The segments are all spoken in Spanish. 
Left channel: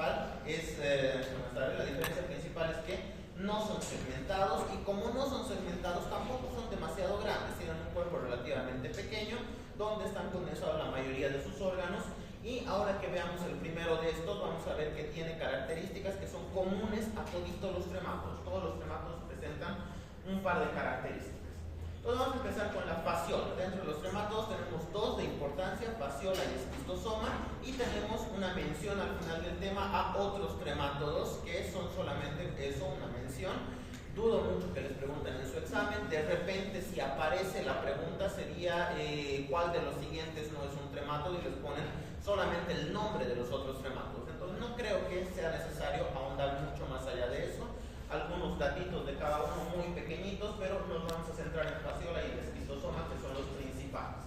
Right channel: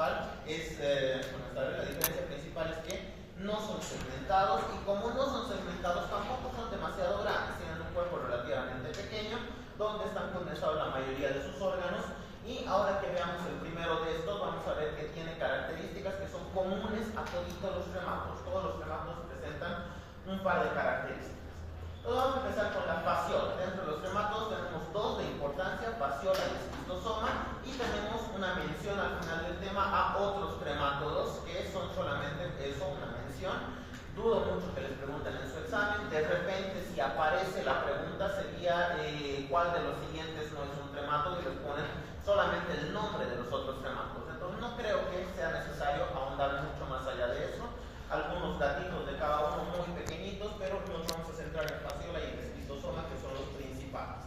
principal es, la diferencia principal es que no son segmentados, y como no son segmentados tampoco son demasiado grandes, tienen un cuerpo relativamente pequeño donde están condensados la mayoría de sus órganos. Y ahora que veamos el primero de estos, vamos a ver que tiene características que son comunes a todos los tremátodos. Todos los tremátodos presentan un par de características. Entonces vamos a empezar con la fasciola. Dentro de los tremátodos tenemos dos de importancia, fasciola y esquistosoma, y tenemos una mención al final del tema a otros tremátodos que son solamente eso, una mención. Dudo mucho que les pregunten en su examen. De repente, si aparece la pregunta, sería ¿cuál de los siguientes no es un tremátodo? Y les ponen solamente el nombre de los otros tremátodos. Entonces no creo que sea necesario ahondar mucho más allá de eso. Algunos datitos de cada uno muy pequeñitos, pero nos vamos a centrar en la fasciola y el esquistosoma, que son los principales.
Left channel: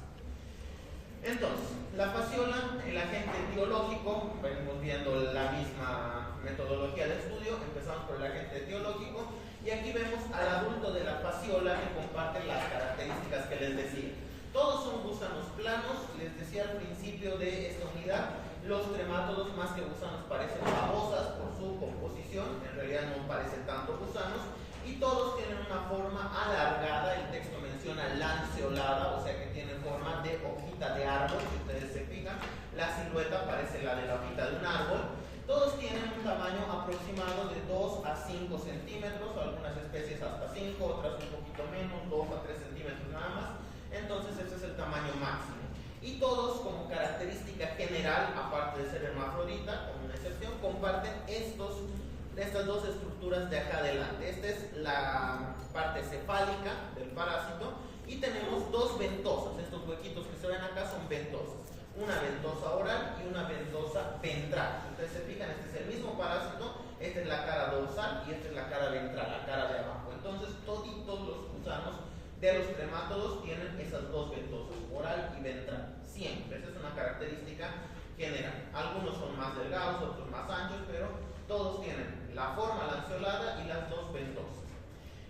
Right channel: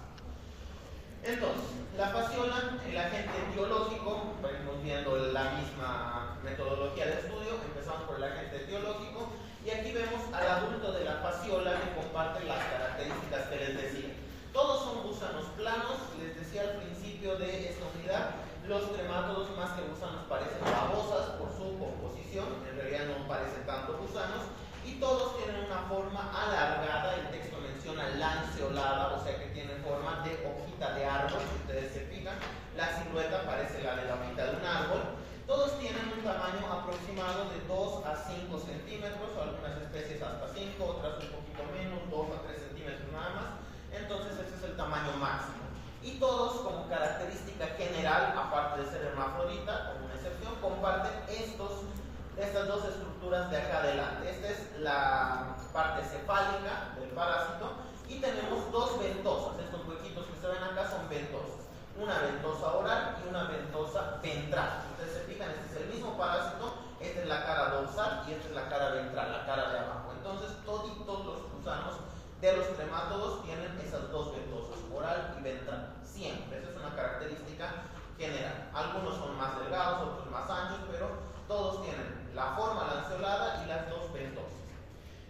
Entonces, la fasciola, el agente etiológico, venimos viendo la misma metodología de estudio. Empezamos por el agente etiológico, y aquí vemos al adulto de la fasciola que comparte las características que les decía. Todos son gusanos planos. Les decía al principio de esta unidad, los tremátodos más que gusanos parecen babosas por su composición, en realidad no parecen tanto gusanos, y todos tienen una forma alargada. El texto menciona lanceolada, o sea que tienen forma de hojita de árbol. Si ustedes se fijan, la silueta parece la de la hojita de un árbol. Todos tienen un tamaño aproximado de 2 a 5 centímetros, algunas especies hasta 5, otras un poquito menos, 2 a 3 centímetros nada más. Entonces ese es el tamaño máximo. Y todos, como característica general, aparte de ser hermafrodita, como una excepción, comparten estas dos estructuras de acá adelante. Esta es la parte cefálica del parásito, y tenemos dos ventosas. Estos huequitos que se ven acá son ventosas. Una ventosa oral y una ventosa ventral. Si ustedes se fijan, este es el mismo parásito. Esta es la cara dorsal y esta es la cara ventral, la cara de abajo. Entonces toditos los gusanos de los tremátodos tienen esas dos ventosas, oral y ventral, siempre. Esa es una característica general. Algunos son más delgados, otros más anchos, pero todos tienen la forma lanceolada y las dos ventosas.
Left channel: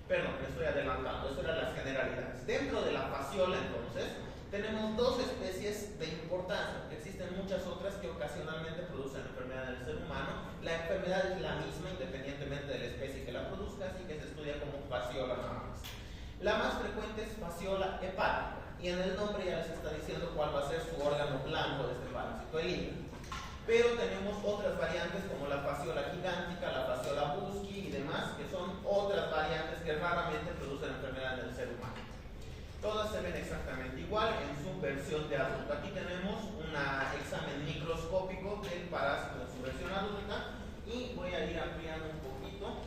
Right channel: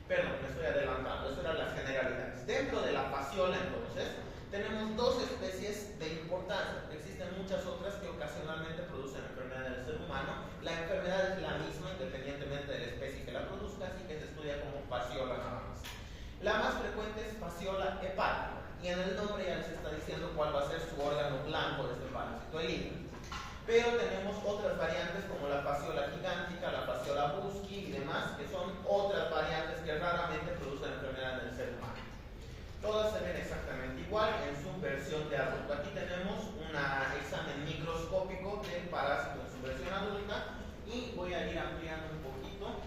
Perdón, me estoy adelantando, eso eran las generalidades. Dentro de la fasciola, entonces, tenemos dos especies de importancia, porque existen muchas otras que ocasionalmente producen enfermedad en el ser humano. La enfermedad es la misma independientemente de la especie que la produzca, así que se estudia como fasciola nada más. La más frecuente es fasciola hepática, y en el nombre ya les está diciendo cuál va a ser su órgano blanco de este parásito, el hígado. Pero tenemos otras variantes como la fasciola gigántica, la fasciola Buschke y demás, que son otras variantes que raramente producen enfermedad en el ser humano. Todas se ven exactamente igual en su versión de adulto. Aquí tenemos un examen microscópico del parásito en su versión adulta, y voy a ir ampliando un poquito.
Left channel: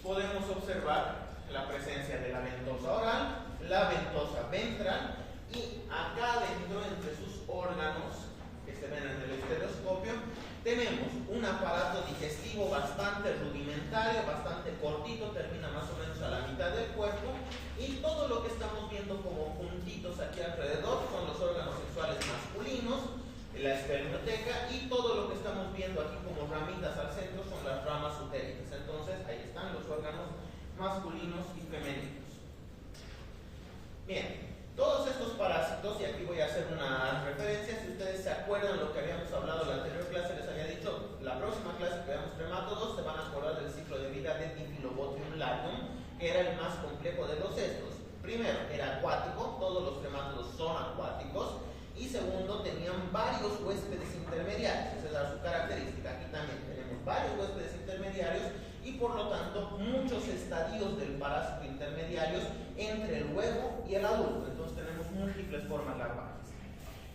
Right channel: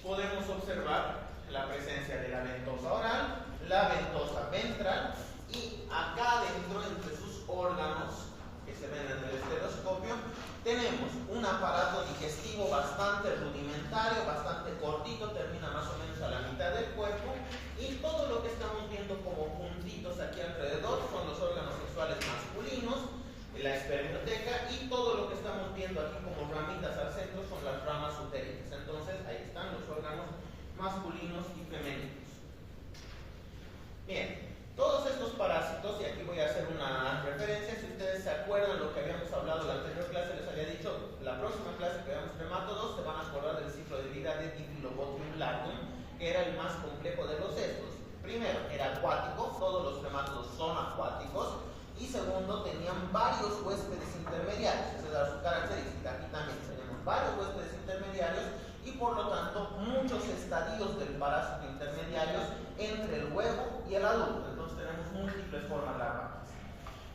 Podemos observar la presencia de la ventosa oral, la ventosa ventral, y acá dentro, entre sus órganos que se ven en el estereoscopio, tenemos un aparato digestivo bastante rudimentario, bastante cortito, termina más o menos a la mitad del cuerpo, y todo lo que estamos viendo como puntitos aquí alrededor son los órganos sexuales masculinos, la espermioteca, y todo lo que estamos viendo aquí como ramitas al centro son las ramas uterinas. Entonces ahí están los órganos masculinos y femeninos. Bien, todos estos parásitos, y aquí voy a hacer una referencia, si ustedes se acuerdan lo que habíamos hablado en la anterior clase, les había dicho, la próxima clase que veamos tremátodos, se van a acordar del ciclo de vida de Diphyllobotrium latum, que era el más complejo de los estos. Primero, era acuático, todos los tremátodos son acuáticos, y segundo, tenían varios huéspedes intermediarios. Esa era su característica. Aquí también tenemos varios huéspedes intermediarios, y por lo tanto muchos estadios del parásito intermediarios entre el huevo y el adulto. Entonces tenemos múltiples formas larvales.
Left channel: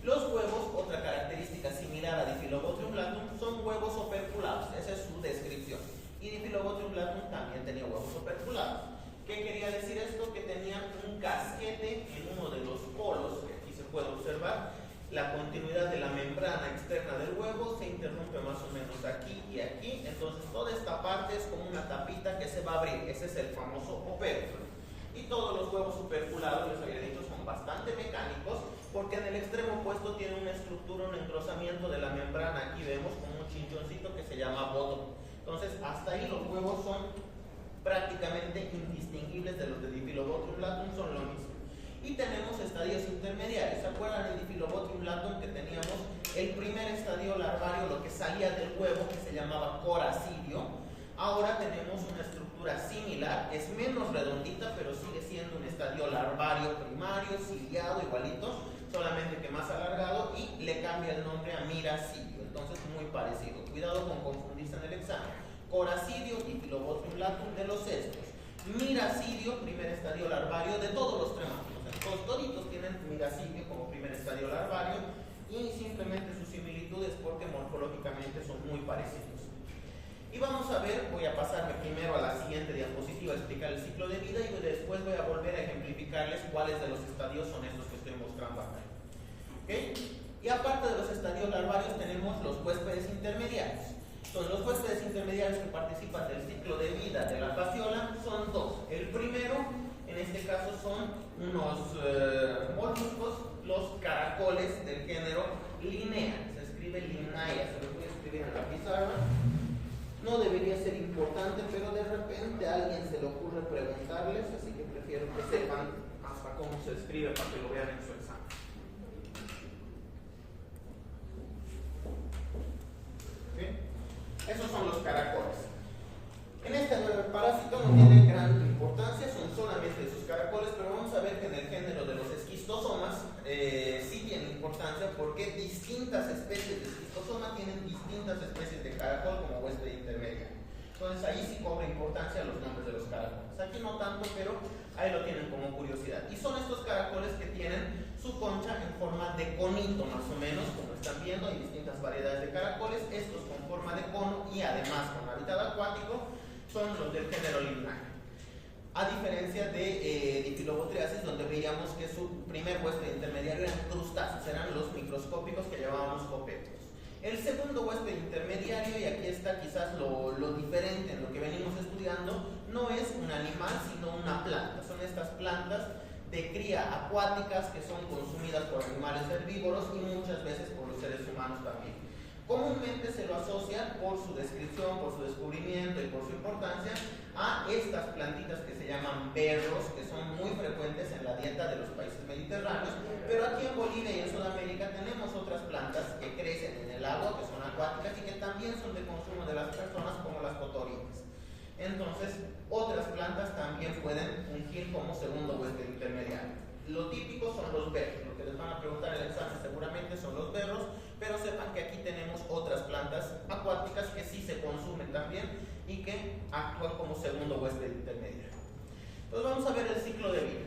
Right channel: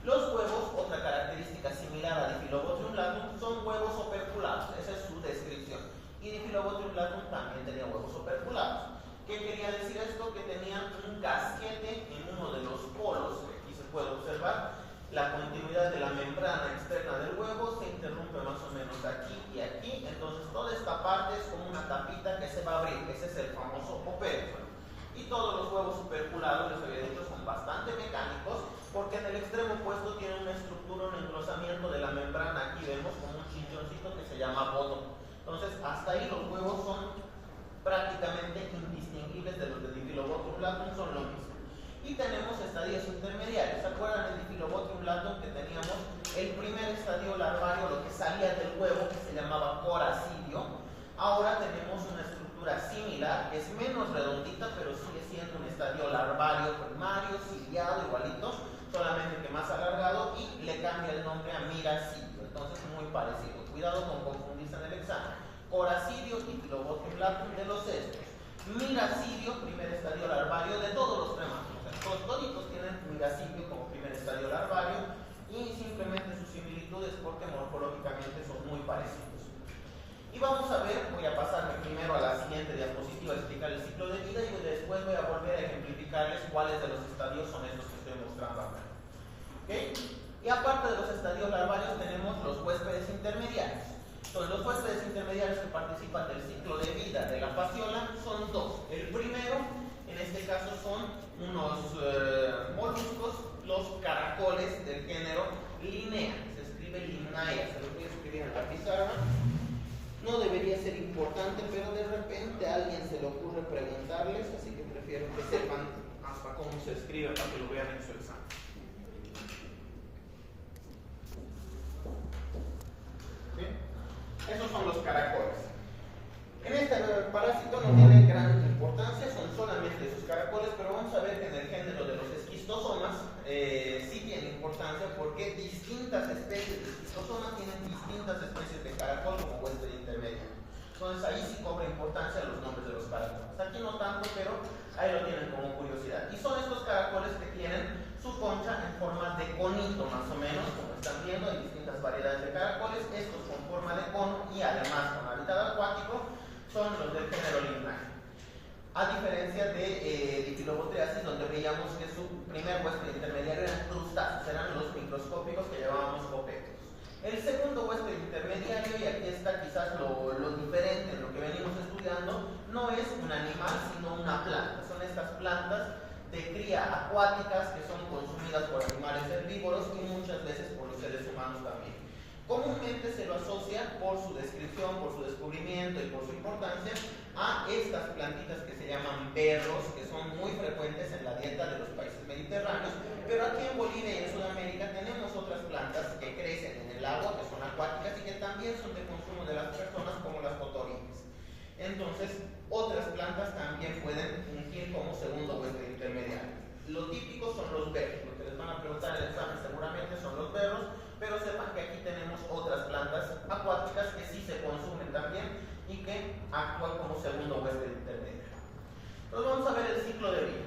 Los huevos, otra característica similar a Diphyllobotrium latum, son huevos operculados. Esa es su descripción. Y Diphyllobotrium latum también tenía huevos operculados. ¿Qué quería decir esto? Que tenían un casquete en uno de los polos, que aquí se puede observar. La continuidad de la membrana externa del huevo se interrumpe más o menos aquí y aquí. Entonces toda esta parte es como una tapita que se va a abrir. Ese es el famoso opérculo. Y todos los huevos operculados, les había dicho, son bastante mecánicos, porque en el extremo opuesto tiene una estructura, un engrosamiento de la membrana. Aquí vemos como un chinchoncito que se llama bottom. Entonces hasta ahí los huevos son prácticamente indistinguibles de los de Diphyllobotrium latum, son lo mismo. Y tenemos estadios intermediarios. ¿Se acuerdan del Diphyllobotrium latum que teníamos el primer estadio larvario, lo que salía del huevo, que se llamaba coracidio. Ahora tenemos una estructura similar, es menos redondita, pero sigue siendo un estadio larvario primario, ciliado, igualito, solamente que más alargado, y le cambia el nombre a miracidio. Entonces muy parecido. Cuidado con confundirse en el examen. Coracidio y Diphyllobotium latum de los cestos. Miracidio, primer estadio larvario de todos los tremátidos. Toditos tienen miracidio como primer estadio larvario, y simplemente su similitud es porque morfológicamente son muy parecidos. Y vamos a ver, voy a pasarme primero a la siguiente diapositiva a explicar el ciclo de vida y después voy a volver a ejemplificarles cuáles de los estadios son estos que estoy mostrando acá. ¿Okay? Y aparte de los estadios larvarios tenemos los huéspedes intermediarios. Entonces, los huéspedes intermediarios que participan del ciclo de vida de la fasciola son dos. El primero, en este caso, son unos moluscos, los caracoles del género Linea. Se escribe Linnaea, se lo voy a escribir en la pizarra. No debería ser importante, pero de repente a alguien se le ocurre preguntarles, así que prefiero que sepan hasta cómo se escribe para que lo vean en su examen. Esos son los caracoles. En este parásito no tiene gran importancia, son solamente sus caracoles, pero vamos a ver que en el género de los esquistosomas sí tiene importancia porque distintas especies de esquistosoma tienen distintas especies de caracol como huésped intermedio. Entonces ahí sí cobra importancia los nombres de los caracoles. Aquí no tanto, pero ahí lo tienen como curiosidad. Y son estos caracoles que tienen su concha en forma de conito, más o menos, como están viendo, hay distintas variedades de caracoles. Estos con forma de cono y además con hábitat acuático son los del género Linnaea. A diferencia de Diphyllobotriasis, donde veíamos que su primer huésped intermediario eran crustáceos, eran los microscópicos que llamábamos copetos. El segundo huésped intermediario, y aquí está quizás lo diferente en lo que venimos estudiando, no es un animal sino una planta. Son estas plantas de cría acuáticas que son consumidas por animales herbívoros y muchas veces por los seres humanos también. Comúnmente se lo asocia por su descripción, por su descubrimiento y por su importancia a estas plantitas que se llaman berros, que son muy frecuentes en la dieta de los países mediterráneos, pero aquí en Bolivia y en Sudamérica tenemos otras plantas que crecen en el agua, que son acuáticas y que también son de consumo de las personas, como las cotorines. Entonces, otras plantas también pueden fungir como segundo huésped intermediario. Lo típico son los berros, lo que les van a preguntar en el examen seguramente son los berros, pero sepan que aquí tenemos otras plantas acuáticas que sí se consumen también y que actúan como segundo huésped intermediario. Entonces vamos a ver el ciclo de vida.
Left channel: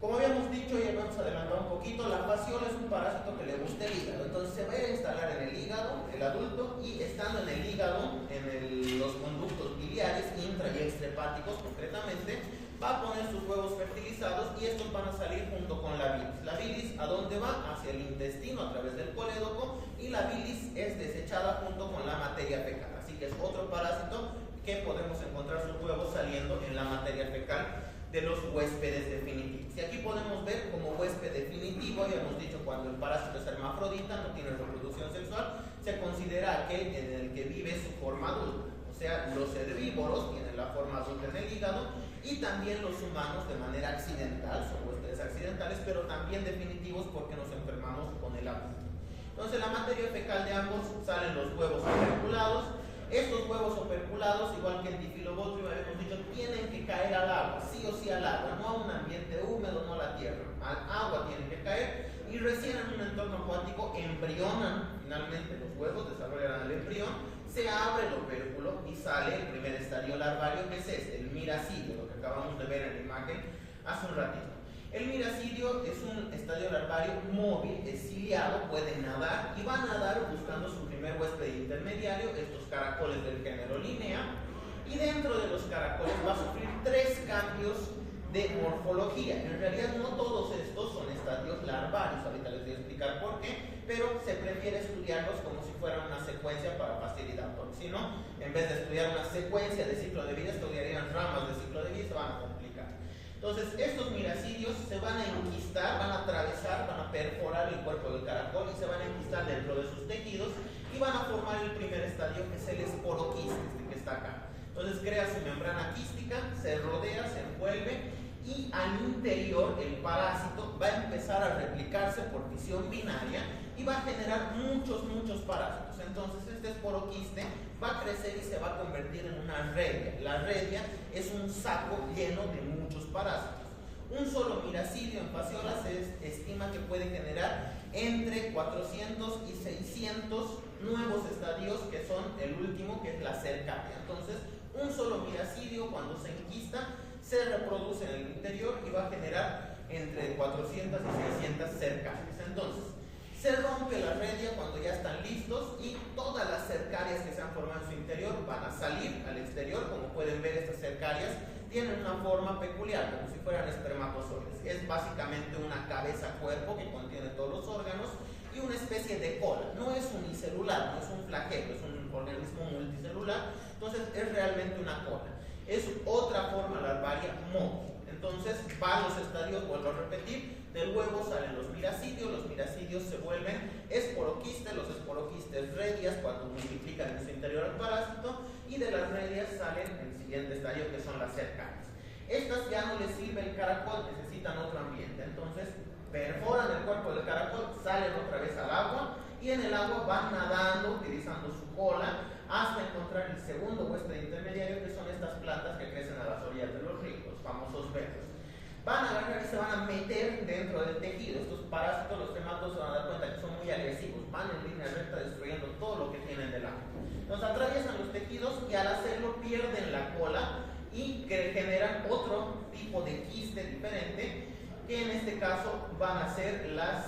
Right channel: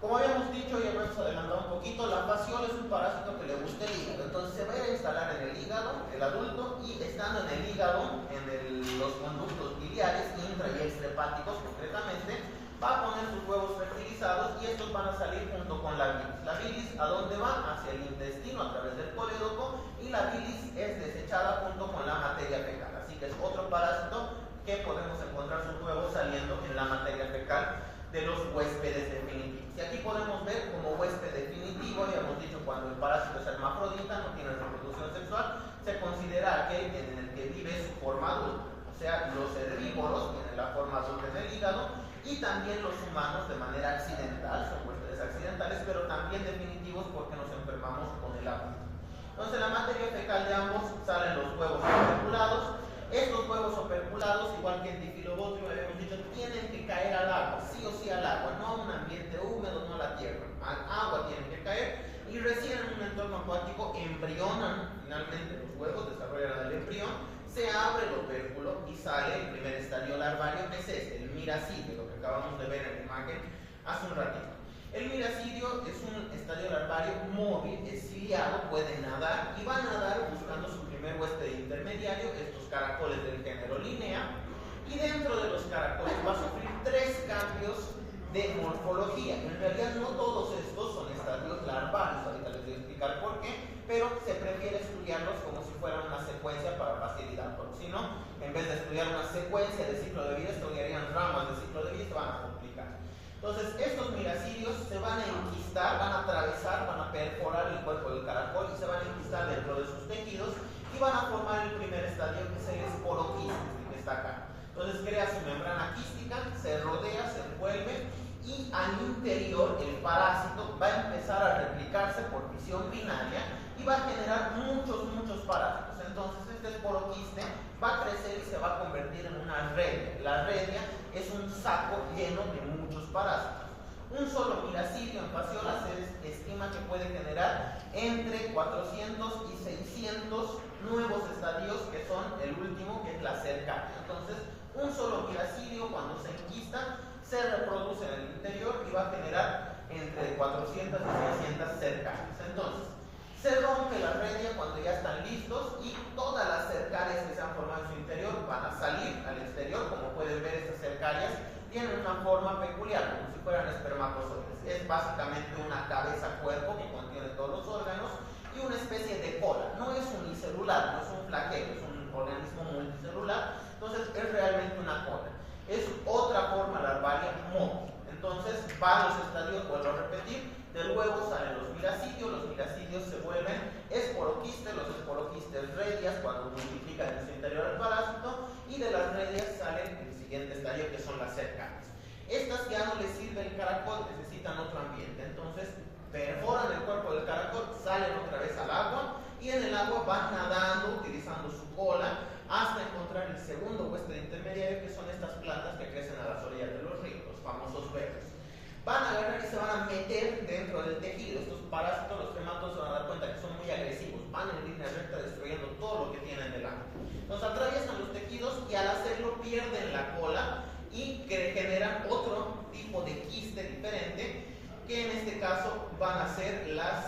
Como habíamos dicho y hemos adelantado un poquito, la fasciola es un parásito que le gusta el hígado. Entonces se va a instalar en el hígado, el adulto, y estando en el hígado, en los conductos biliares, intra y extrahepáticos concretamente, va a poner sus huevos fertilizados y estos van a salir junto con la bilis. La bilis, ¿a dónde va? Hacia el intestino a través del colédoco, y la bilis es desechada junto con la materia fecal. Así que es otro parásito que podemos encontrar sus huevos saliendo en la materia fecal de los huéspedes definitivos. Y aquí podemos ver como huésped definitivo, ya hemos dicho, cuando el parásito es hermafrodita, no tiene reproducción sexual, se considera aquel en el que vive su forma adulta. O sea, los herbívoros tienen la forma adulta en el hígado, y también los humanos de manera accidental, son huéspedes accidentales, pero también definitivos porque nos enfermamos con el agua. Entonces, en la materia fecal de ambos salen los huevos operculados. Estos huevos operculados, igual que el Diphyllobotrium, habíamos dicho, tienen que caer al agua, sí o sí al agua, no a un ambiente húmedo, no a la tierra, al agua tienen que caer, y recién en un entorno acuático embrionan, finalmente los huevos desarrollan el embrión, se abre el opérculo y sale el primer estadio larvario, que es este, el miracidio, lo que acabamos de ver en la imagen hace un ratito. El miracidio es un estadio larvario móvil, es ciliado, puede nadar y va a nadar buscando su primer huésped intermediario, estos caracoles del género Linnaea, y dentro de los caracoles va a sufrir 3 cambios de morfología. En realidad no todos estos son estadios larvarios, ahorita les voy a explicar por qué, pero se prefiere estudiarlos como si fueran una secuencia para facilidad, porque si no, en vez de estudiar una secuencia de ciclo de vida, estudiarían ramas de ciclo de vida y se van a complicar. Entonces, estos miracidios se van a enquistar, van a atravesar, van a perforar el cuerpo del caracol y se van a enquistar dentro de sus tejidos y van a formar el primer estadio, que es el esporoquiste, que está acá. Entonces crea su membrana quística, se rodea, se envuelve, y al interior el parásito va a empezar a replicarse por fisión binaria y va a generar muchos parásitos. Entonces va a crecer y se va a convertir en una redia. La redia es un saco lleno de muchos parásitos. Un solo miracidio en fasciola se estima que puede generar entre 400 y 600 nuevos estadios, que son el último, que es la cercaria. Entonces, un solo miracidio, cuando se enquista, se reproduce en el interior y va a generar entre 400 y 600 cercarias. Entonces, se rompe la redia cuando ya están listos y todas las cercarias que se han formado en su interior van a salir al exterior. Como pueden ver, estas cercarias tienen una forma peculiar, como si fueran espermatozoides. Es básicamente una cabeza-cuerpo que contiene todos los órganos y una especie de cola. No es unicelular, no es un flagelo, es un organismo multicelular, entonces es realmente una cola. Es otra forma larvaria móvil. Entonces, varios estadios, vuelvo a repetir, del huevo salen los miracidios se vuelven esporoquistes, los esporoquistes redias cuando multiplican en su interior el parásito, y de las redias salen el siguiente estadio, que son las cercarias. Estas ya no les sirve el caracol, necesitan otro ambiente, entonces perforan el cuerpo del caracol, salen otra vez al agua y en el agua van nadando utilizando su cola hasta encontrar el segundo huésped intermediario, que son estas plantas que crecen a las orillas de los ríos, los famosos berros. Van a agarrar y se van a meter dentro del tejido. Estos parásitos, los quematos, se van a dar cuenta que son muy agresivos, van en línea recta destruyendo todo lo que tienen delante. Entonces atraviesan los tejidos y al hacerlo pierden la cola y generan otro tipo de quiste diferente, que en este caso van a ser las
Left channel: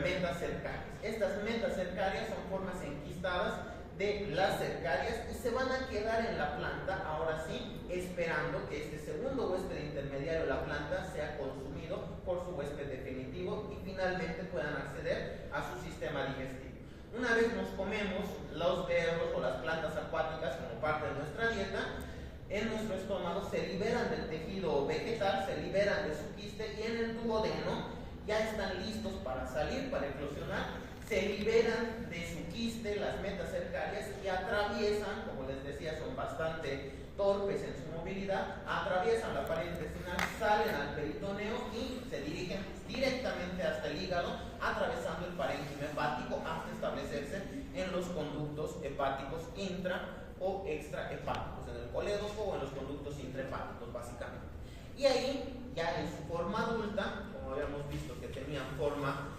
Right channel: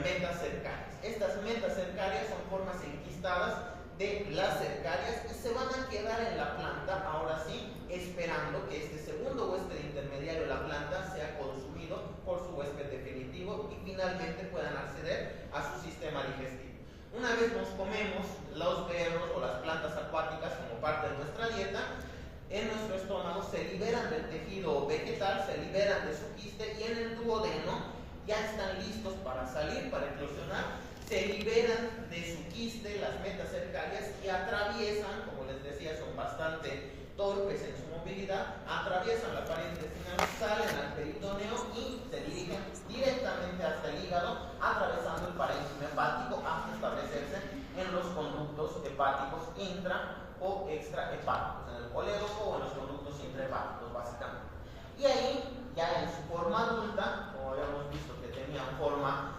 metacercarias. Estas metacercarias son formas enquistadas de las cercarias y se van a quedar en la planta, ahora sí, esperando que este segundo huésped intermediario de la planta sea consumido por su huésped definitivo y finalmente puedan acceder a su sistema digestivo. Una vez nos comemos los berros o las plantas acuáticas como parte de nuestra dieta, en nuestro estómago se liberan del tejido vegetal, se liberan de su quiste y en el duodeno ya están listos para salir, para eclosionar. Se liberan de su quiste las metacercarias y atraviesan, como les decía, son bastante torpes en su movilidad, atraviesan la pared intestinal, salen al peritoneo y se dirigen directamente hasta el hígado, atravesando el parénquima hepático hasta establecerse en los conductos hepáticos intra o extrahepáticos, en el colédoco o en los conductos intrahepáticos, básicamente. Y ahí, ya en su forma adulta, como habíamos visto que tenían forma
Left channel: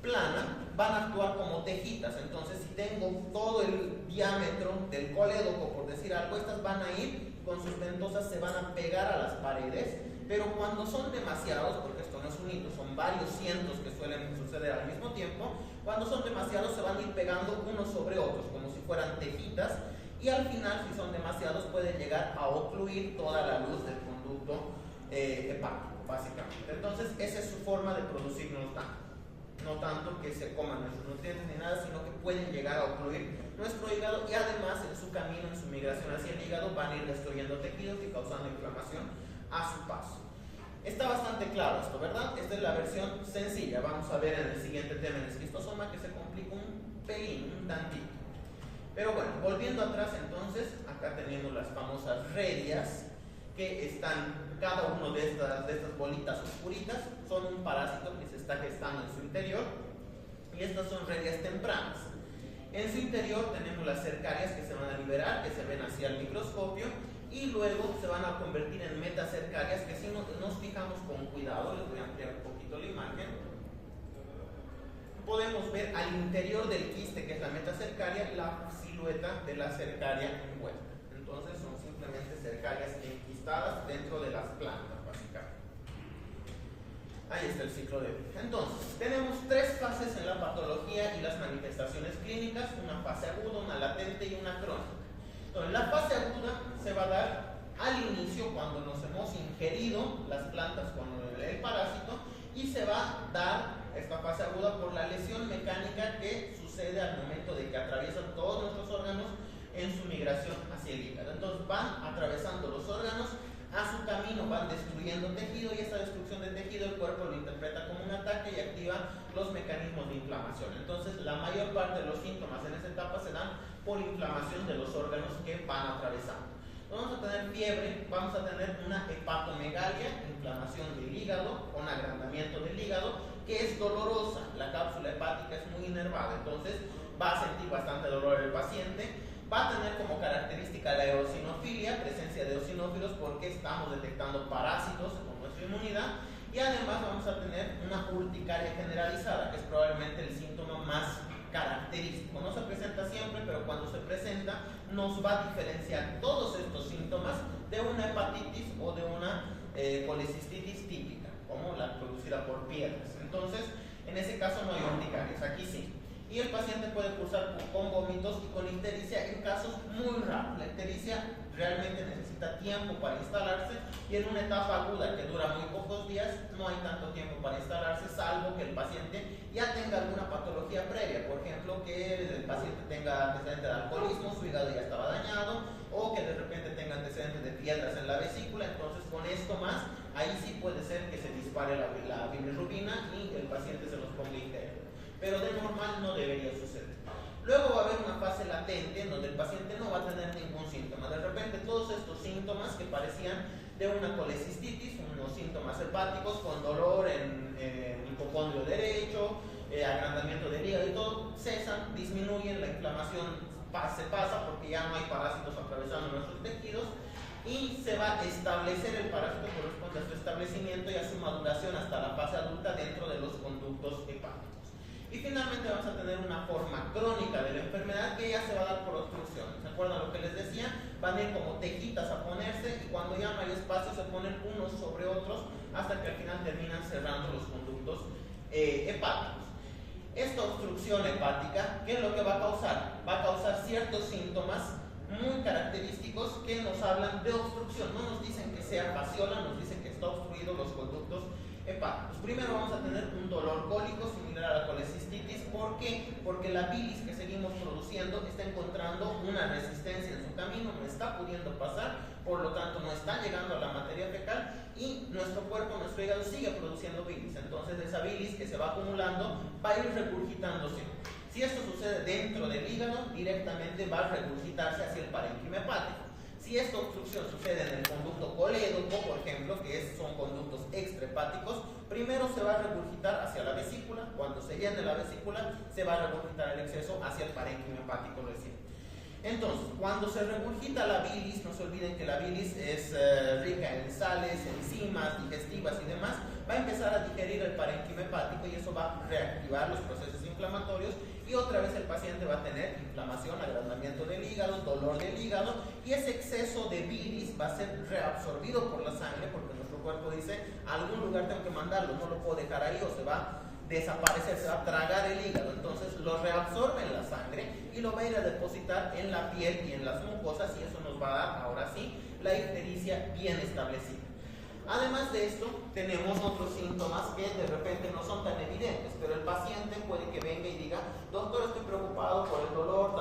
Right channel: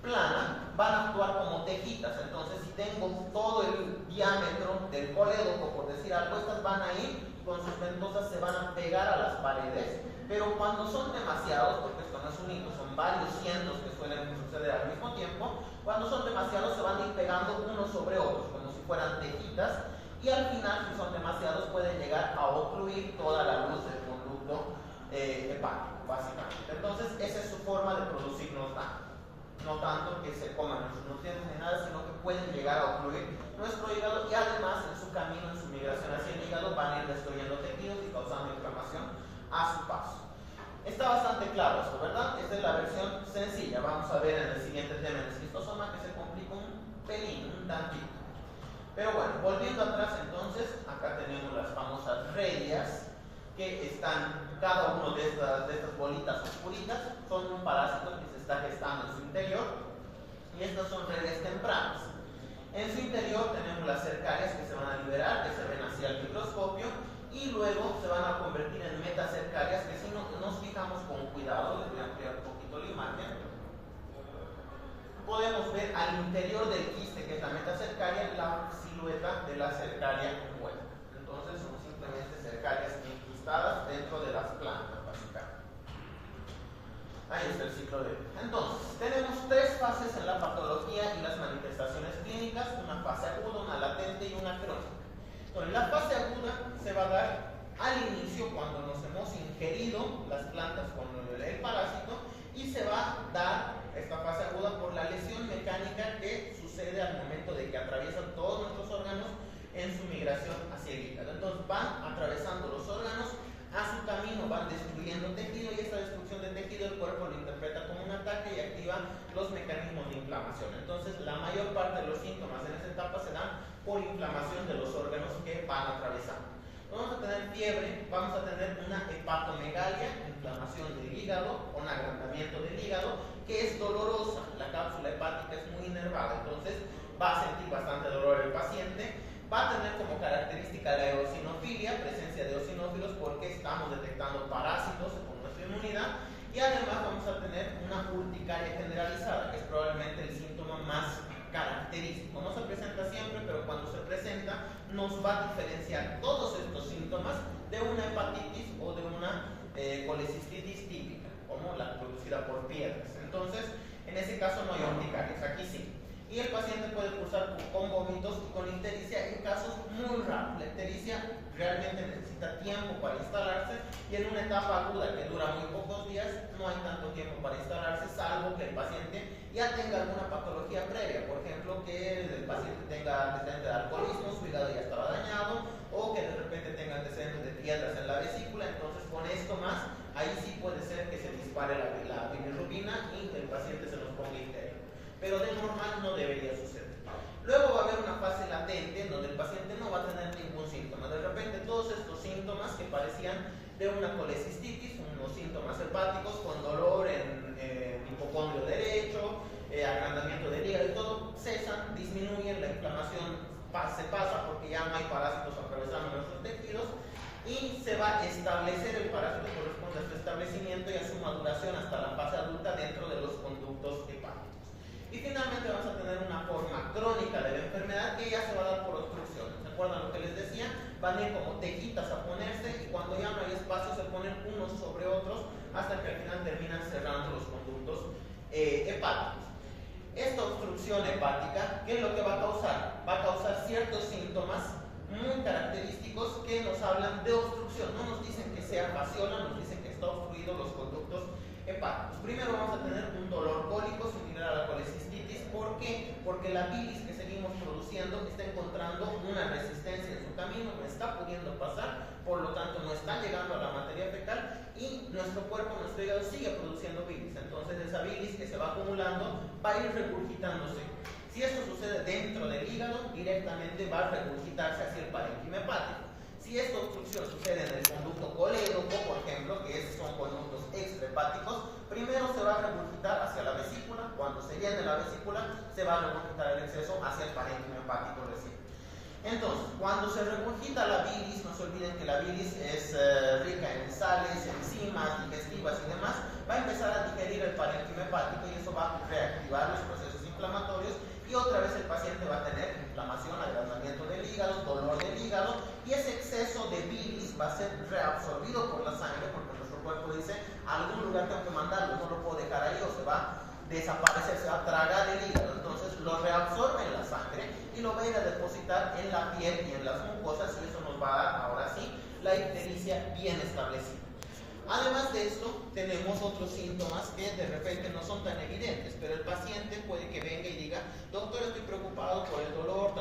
plana, van a actuar como tejitas. Entonces, si tengo todo el diámetro del colédoco, por decir algo, estas van a ir con sus ventosas, se van a pegar a las paredes, pero cuando son demasiados, porque esto no es un hito, son varios cientos que suelen suceder al mismo tiempo, cuando son demasiados se van a ir pegando unos sobre otros, como si fueran tejitas, y al final, si son demasiados, pueden llegar a ocluir toda la luz del conducto hepático, básicamente. Entonces, esa es su forma de producirnos daño. No tanto que se coman nuestros nutrientes ni nada, sino que pueden llegar a ocluir nuestro hígado y además en su camino, en su migración hacia el hígado, van a ir destruyendo tejidos y causando inflamación a su paso. Está bastante claro esto, ¿verdad? Esta es la versión sencilla. Vamos a ver en el siguiente tema, en el esquistosoma, que se complica un pelín, un tantito. Pero bueno, volviendo atrás entonces, acá tenemos las famosas redias, que están, cada uno de estas bolitas oscuritas son un parásito que se está gestando en su interior, y estas son redias tempranas. En su interior tenemos las cercarias que se van a liberar, que se ven hacia el microscopio, y luego se van a convertir en metacercarias, que si nos fijamos con cuidado, les voy a ampliar un poquito la imagen, podemos ver al interior del quiste, que es la metacercaria, la silueta de la cercaria envuelta. Entonces son simplemente cercarias enquistadas dentro de las plantas, básicamente. Ahí está el ciclo de vida. Entonces, tenemos tres fases en la patología y las manifestaciones clínicas: una fase aguda, una latente y una crónica. Entonces, la fase aguda se va a dar al inicio, cuando nos hemos ingerido las plantas con el parásito, y se va a dar esta fase aguda por la lesión mecánica que sucede al momento de que atraviesan todos nuestros órganos en su migración hacia el hígado. Entonces van atravesando los órganos, a su camino van destruyendo tejido, y esta destrucción de tejido el cuerpo lo interpreta como un ataque y activa los mecanismos de inflamación. Entonces la mayor parte de los síntomas en esta etapa se dan por inflamación de los órganos que van atravesando. Vamos a tener fiebre, vamos a tener una hepatomegalia, inflamación del hígado, un agrandamiento del hígado, que es dolorosa. La cápsula hepática es muy inervada, entonces va a sentir bastante dolor el paciente. Va a tener como característica la eosinofilia, presencia de eosinófilos porque estamos detectando parásitos con nuestra inmunidad, y además vamos a tener una urticaria generalizada, que es probablemente el síntoma más característico. No se presenta siempre, pero cuando se presenta nos va a diferenciar todos estos síntomas de una hepatitis o de una colecistitis típica, como la producida por piedras. Entonces, en ese caso no hay urticarias, aquí sí. Y el paciente puede cursar con vómitos y con ictericia en casos muy raros. La ictericia realmente necesita tiempo para instalarse, y en una etapa aguda que dura muy pocos días no hay tanto tiempo para instalarse, salvo que el paciente ya tenga alguna patología previa, por ejemplo que el paciente tenga antecedentes de alcoholismo, su hígado ya estaba dañado, o que de repente tenga antecedentes de piedras en la vesícula. Entonces con esto más, ahí sí puede ser que se dispare la bilirrubina y el paciente se nos ponga icterio, pero de normal no debería suceder. Luego va a haber una fase latente en donde el paciente no va a tener ningún síntoma. De repente todos estos síntomas que parecían de una colecistitis, unos síntomas hepáticos con dolor en el hipocondrio derecho, agrandamiento del hígado y todo, cesan, disminuyen, la inflamación se pasa porque ya no hay parásitos atravesando nuestros tejidos, y se va a establecer el parásito, corresponde a su establecimiento y a su maduración hasta la fase adulta dentro de los conductos hepáticos. Y finalmente vamos a tener una forma crónica de la enfermedad que ya se va a dar por obstrucción. ¿Se acuerdan lo que les decía? Van a ir como tejitas a ponerse, y cuando ya no hay espacio se ponen unos sobre otros hasta que al final terminan cerrando los conductos hepáticos. Esta obstrucción hepática, ¿qué es lo que va a causar? Va a causar ciertos síntomas muy característicos que nos hablan de obstrucción. No nos dicen que sea fasciola, nos dicen que está obstruido los conductos hepáticos. Primero vamos a tener un dolor cólico similar a la colecistitis. ¿Por qué? Porque la bilis que seguimos produciendo está encontrando una resistencia en su camino, no está pudiendo pasar, por lo tanto no está llegando a la materia fecal, y nuestro cuerpo, nuestro hígado sigue produciendo bilis. Entonces esa bilis que se va acumulando va a ir regurgitándose. Si eso sucede dentro del hígado, directamente va a regurgitarse hacia el parénquima hepático. Si esta obstrucción sucede en el conducto colédoco, por ejemplo, que son conductos extrahepáticos, primero se va a regurgitar hacia la vesícula. Cuando se llene la vesícula, se va a regurgitar el exceso hacia el parénquima hepático recién. Entonces, cuando se regurgita la bilis, no se olviden que la bilis es rica en sales, enzimas digestivas y demás, va a empezar a digerir el parénquima hepático, y eso va a reactivar los procesos inflamatorios, y otra vez el paciente va a tener inflamación, agrandamiento del hígado, dolor del hígado, y ese exceso de bilis va a ser reabsorbido por la sangre, porque nuestro cuerpo dice, a algún lugar tengo que mandarlo, no lo puedo dejar ahí o se va a desaparecer, se va a tragar el hígado. Entonces lo reabsorbe en la sangre y lo va a ir a depositar en la piel y en las mucosas, y eso nos va a dar, ahora sí, la ictericia bien establecida. Además de esto, tenemos otros síntomas que de repente no son tan evidentes, pero el paciente puede que venga y diga, doctor, estoy preocupado por el dolor,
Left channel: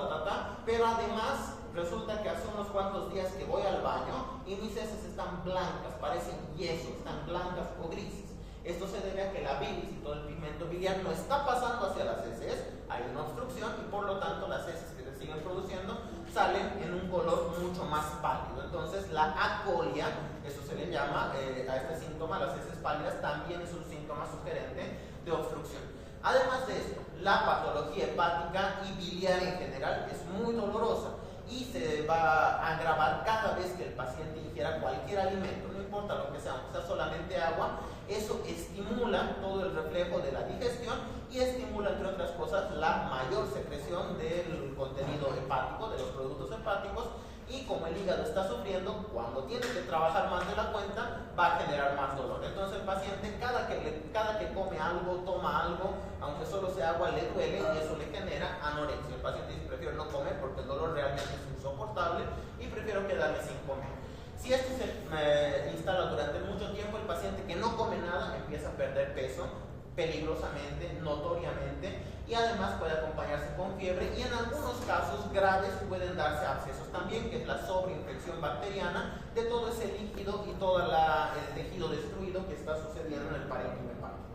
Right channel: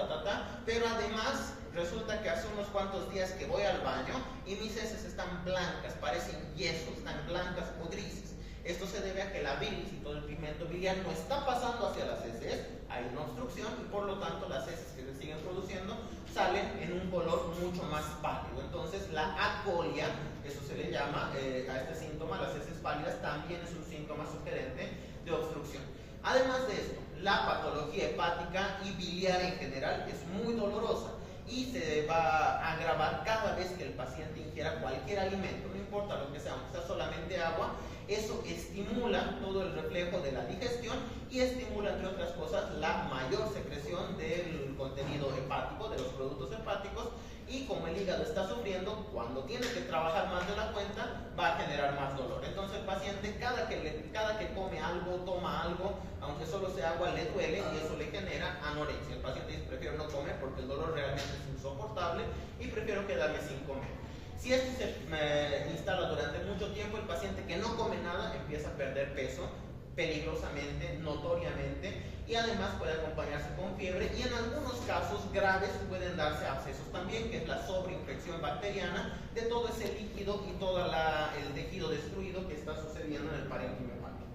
pero además resulta que hace unos cuantos días que voy al baño y mis heces están blancas, parecen yeso, están blancas o grises. Esto se debe a que la bilis y todo el pigmento biliar no está pasando hacia las heces, hay una obstrucción, y por lo tanto las heces que se siguen produciendo salen en un color mucho más pálido. Entonces la acolia, eso se le llama a este síntoma, las heces pálidas, también es un síntoma sugerente de obstrucción. Además de esto, la patología hepática y biliar en general es muy dolorosa y se va a agravar cada vez que el paciente ingiera cualquier alimento, no importa lo que sea, aunque sea solamente agua. Eso estimula todo el reflejo de la digestión y estimula, entre otras cosas, la mayor secreción del contenido hepático, de los productos hepáticos, y como el hígado está sufriendo, cuando tiene que trabajar más de la cuenta, va a generar más dolor. Entonces el paciente cada que come algo, toma algo, aunque solo sea agua, le duele, y eso le genera anorexia. El paciente dice, prefiero no comer porque el dolor realmente es insoportable y prefiero quedarme sin comer. Si esto se instala durante mucho tiempo, el paciente que no come nada empieza a perder peso peligrosamente, notoriamente, y además puede acompañarse con fiebre, y en algunos casos graves pueden darse abscesos también, que es la sobreinfección bacteriana de todo ese líquido y todo el tejido destruido que está sucediendo en el parénquima hepático.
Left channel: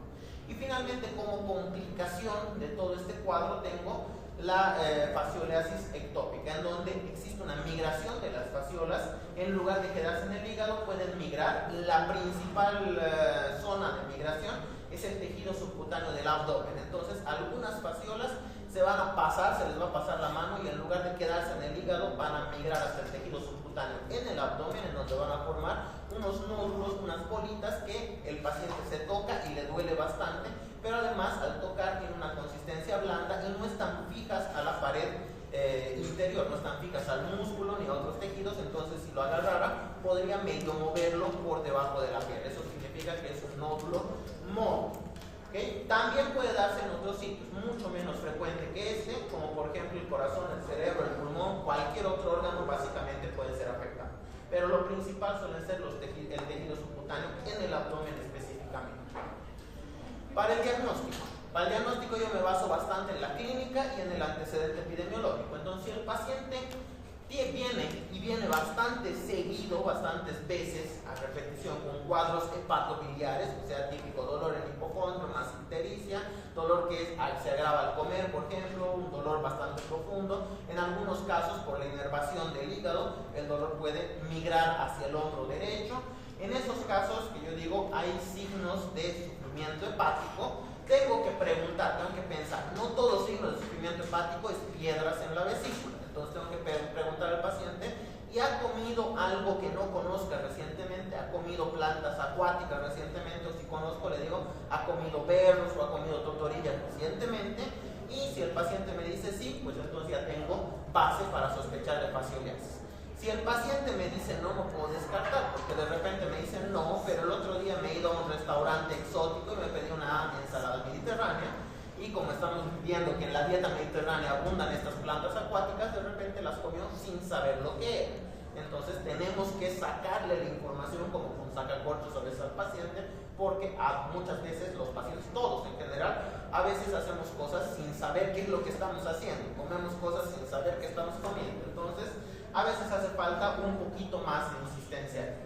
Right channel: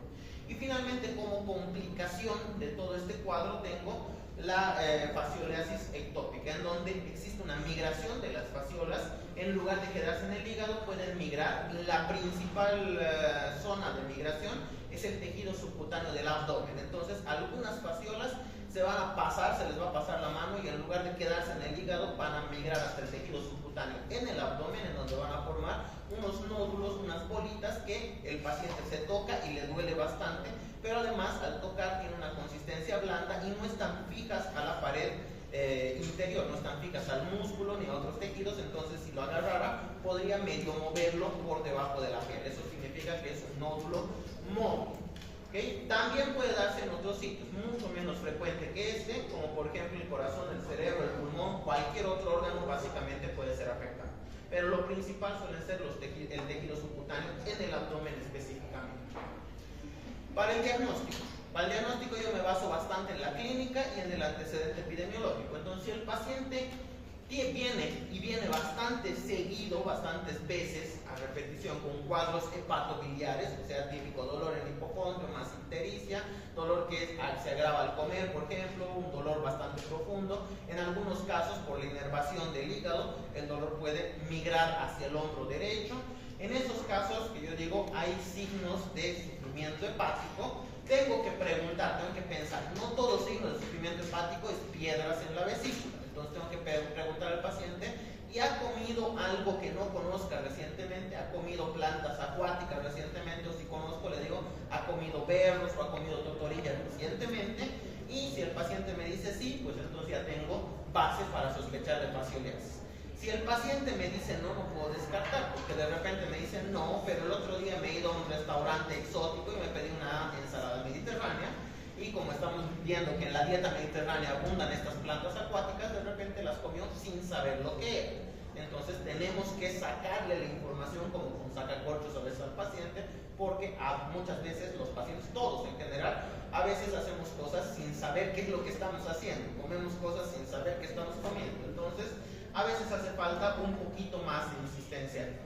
Y finalmente, como complicación de todo este cuadro, tengo la fasciolasis ectópica, en donde existe una migración de las fasciolas. En lugar de quedarse en el hígado, pueden migrar. La principal zona de migración es el tejido subcutáneo del abdomen. Entonces algunas fasciolas se van a pasar, se les va a pasar la mano y en lugar de quedarse en el hígado van a migrar hasta el tejido subcutáneo en el abdomen, en donde van a formar unos nódulos, unas bolitas que el paciente se toca y le duele bastante, pero además al tocar tiene una consistencia blanda y no están fijas a la pared interior, no están fijas al músculo ni a otros tejidos, entonces si lo agarrara podría medio moverlo por debajo de la piel. Eso significa que es un nódulo móvil. ¿Okay? También puede darse en otros sitios, mucho menos frecuente que este, como por ejemplo el corazón, el cerebro, el pulmón, cualquier otro órgano básicamente puede ser afectado. Pero lo principal suelen ser el tejido subcutáneo en el abdomen específicamente. Para el diagnóstico yo me baso bastante en la clínica y en el antecedente epidemiológico. Entonces, si el paciente viene bastante seguido, bastantes veces a repetición con cuadros hepatobiliares, o sea, típico dolor en el hipocondrio, más ictericia, dolor que se agrava al comer, por ejemplo, un dolor bastante profundo. En algunos casos, por la inervación del hígado, el dolor puede migrar hacia el hombro derecho. En esos casos, que yo digo, hay signos de sufrimiento hepático, tengo que preguntar, tengo que pensar, no todo signo de sufrimiento hepático es piedras en la vesícula. Entonces tengo que preguntar al paciente, ¿y ha comido algo que no conozca recientemente? ¿Ha comido plantas acuáticas recientemente? O si conozco, le digo, ¿ha comido berros o ha comido totorillas recientemente? Y si el paciente me dice sí, pues entonces ya tengo base para sospechar de fascioliasis. Si el paciente me dice no, no puedo descartar, porque de repente me dice no, pero el otro día me he ido a un restaurante exótico y me pedí una ensalada mediterránea, y como estamos viendo que en la dieta mediterránea abundan estas plantas acuáticas, de repente las comió sin saber lo que era. Entonces tenemos que sacarle la información como con sacacorchos a veces al paciente, porque muchas veces los pacientes, todos en general, a veces hacemos cosas sin saber qué es lo que estamos haciendo, comemos cosas sin saber qué estamos comiendo. Entonces a veces hace falta un poquito más de insistencia.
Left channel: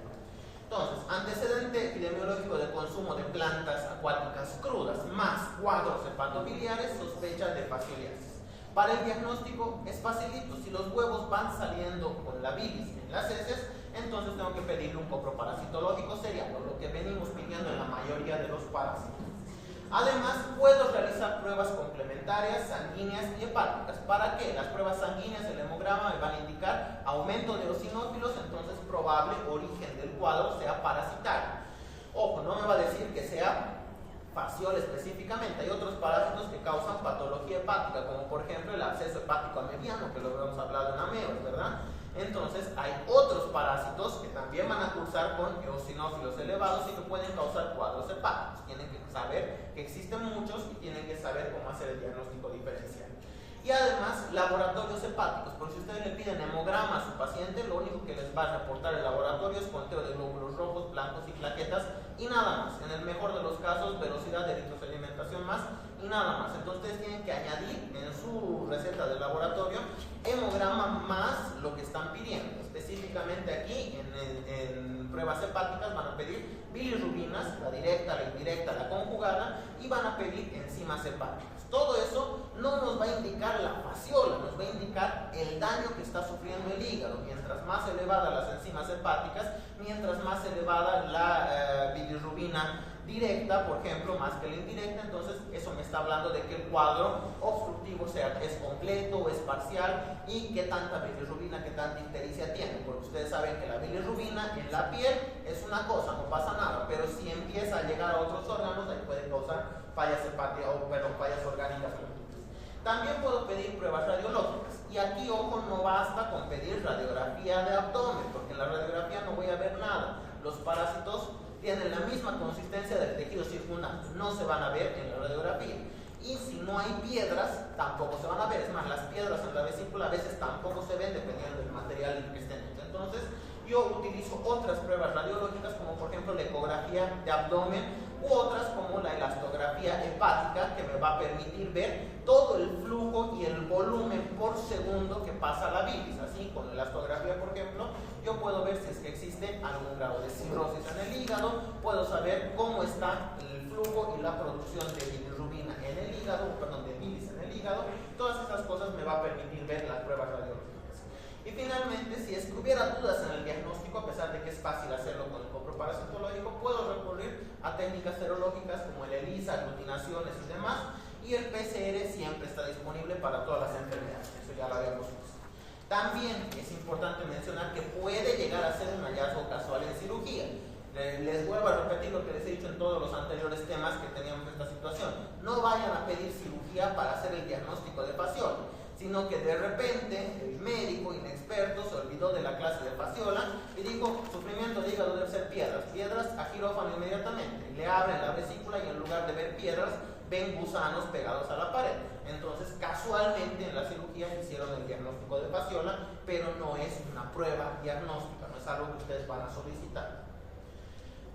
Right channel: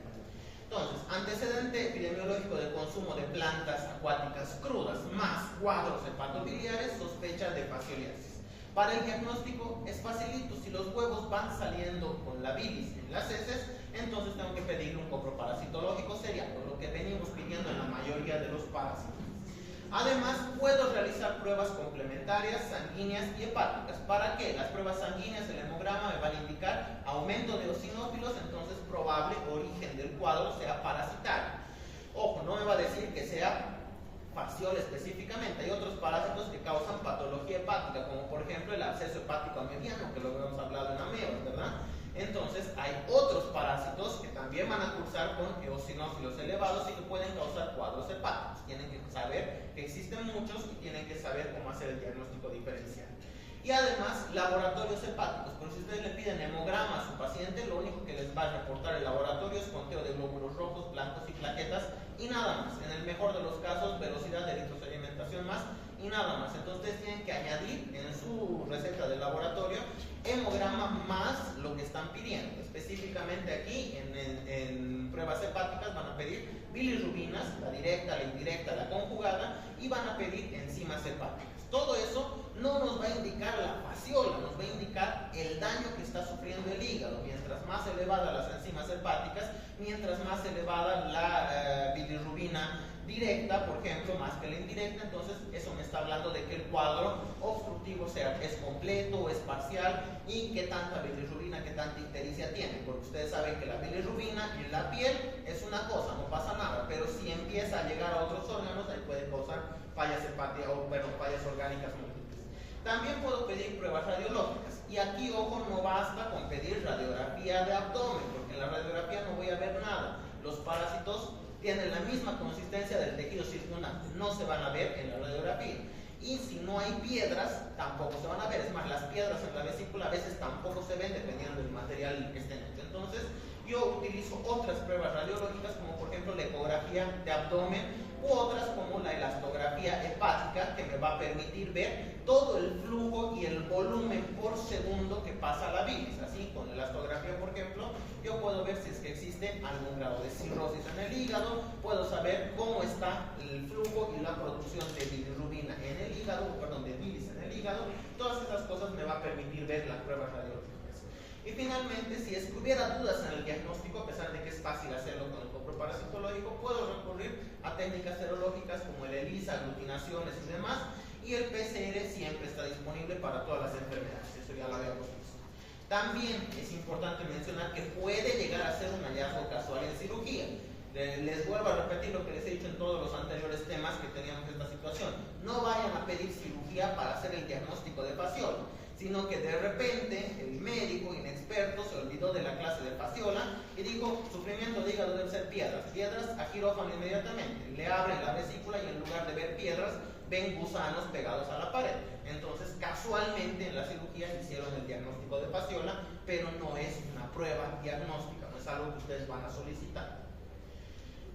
Entonces, antecedente epidemiológico de consumo de plantas acuáticas crudas más cuadros hepatobiliares, sospechan de fascioliasis. Para el diagnóstico es facilito. Si los huevos van saliendo con la bilis en las heces, entonces tengo que pedirle un coproparasitológico seriado, lo que venimos pidiendo en la mayoría de los parásitos. Además, puedo realizar pruebas complementarias, sanguíneas y hepáticas. ¿Para qué? Las pruebas sanguíneas, el hemograma, me van a indicar aumento de eosinófilos, entonces probable origen del cuadro sea parasitario. Ojo, no me va a decir que sea fasciol específicamente. Hay otros parásitos que causan patología hepática, como por ejemplo el absceso hepático ameliano, que lo hemos hablado en AMEO, ¿verdad? Entonces hay otros parásitos que también van a cursar con eosinófilos elevados y que pueden causar cuadros hepáticos. Tienen que saber que existen muchos y tienen que saber cómo hacer el diagnóstico diferencial. Y además, laboratorios hepáticos, porque si ustedes le piden hemograma a su paciente, lo único que les va a reportar el laboratorio es conteo de glóbulos rojos, blancos y plaquetas y nada más. En el mejor de los casos, velocidad de eritrosedimentación más y nada más. Entonces ustedes tienen que añadir en su receta de laboratorio hemograma más lo que están pidiendo. Específicamente aquí en pruebas hepáticas van a pedir bilirrubinas, la directa, la indirecta, la conjugada, y van a pedir enzimas hepáticas. Todo eso no nos va a indicar la fasciola, nos va a indicar el daño que está sufriendo el hígado. Mientras más elevada las enzimas hepáticas, mientras más elevada la bilirrubina directa, por ejemplo, más que la indirecta, entonces eso me está hablando de que el cuadro obstructivo es completo o es parcial, y qué tanta bilirrubina, qué tanta ictericia tiene, porque ustedes saben que la bilirrubina en la piel es una cosa, no pasa nada, pero si empieza a llegar a otros órganos, ahí puede causar fallas hepáticas o fallas orgánicas múltiples. También puedo pedir pruebas radiológicas, y aquí, ojo, no basta con pedir radiografía de abdomen, porque en la radiografía no voy a ver nada. Los parásitos tienen la misma consistencia del tejido circundante, no se van a ver en la radiografía. Y si no hay piedras, tampoco se van a ver. Es más, las piedras en la vesícula a veces tampoco se ven dependiendo del material que estén hechos. Entonces, yo utilizo otras pruebas radiológicas, como por ejemplo la ecografía de abdomen, u otras como la elastografía hepática, que me va a permitir ver todo el flujo y el volumen por segundo que pasa la bilis. Así, con la elastografía, por ejemplo, yo puedo ver si es que existe algún grado de cirrosis en el hígado, puedo saber cómo está el flujo y la producción de bilirrubina en el hígado, perdón, de bilis en el hígado. Todas esas cosas me va a permitir ver las pruebas radiológicas. Y finalmente, si es que hubiera dudas en el diagnóstico, a pesar de que es fácil hacerlo con el coproparasitológico, puedo recurrir a técnicas serológicas como el ELISA, aglutinaciones y demás, y el PCR siempre está disponible para todas las enfermedades, eso ya lo habíamos visto. También es importante mencionar que puede llegar a ser un hallazgo casual en cirugía. Les vuelvo a repetir lo que les he dicho en todos los anteriores temas que teníamos esta situación. No vayan a pedir cirugía para hacer el diagnóstico de fasciola, sino que de repente el médico inexperto se olvidó de la clase de fasciola y dijo, sufrimiento de hígado debe ser piedras a quirófano inmediatamente. Le abren la vesícula y en lugar de ver piedras, ven gusanos pegados a la pared. Entonces, casualmente en la cirugía hicieron el diagnóstico de fasciola, pero no es una prueba diagnóstica, no es algo que ustedes van a solicitar.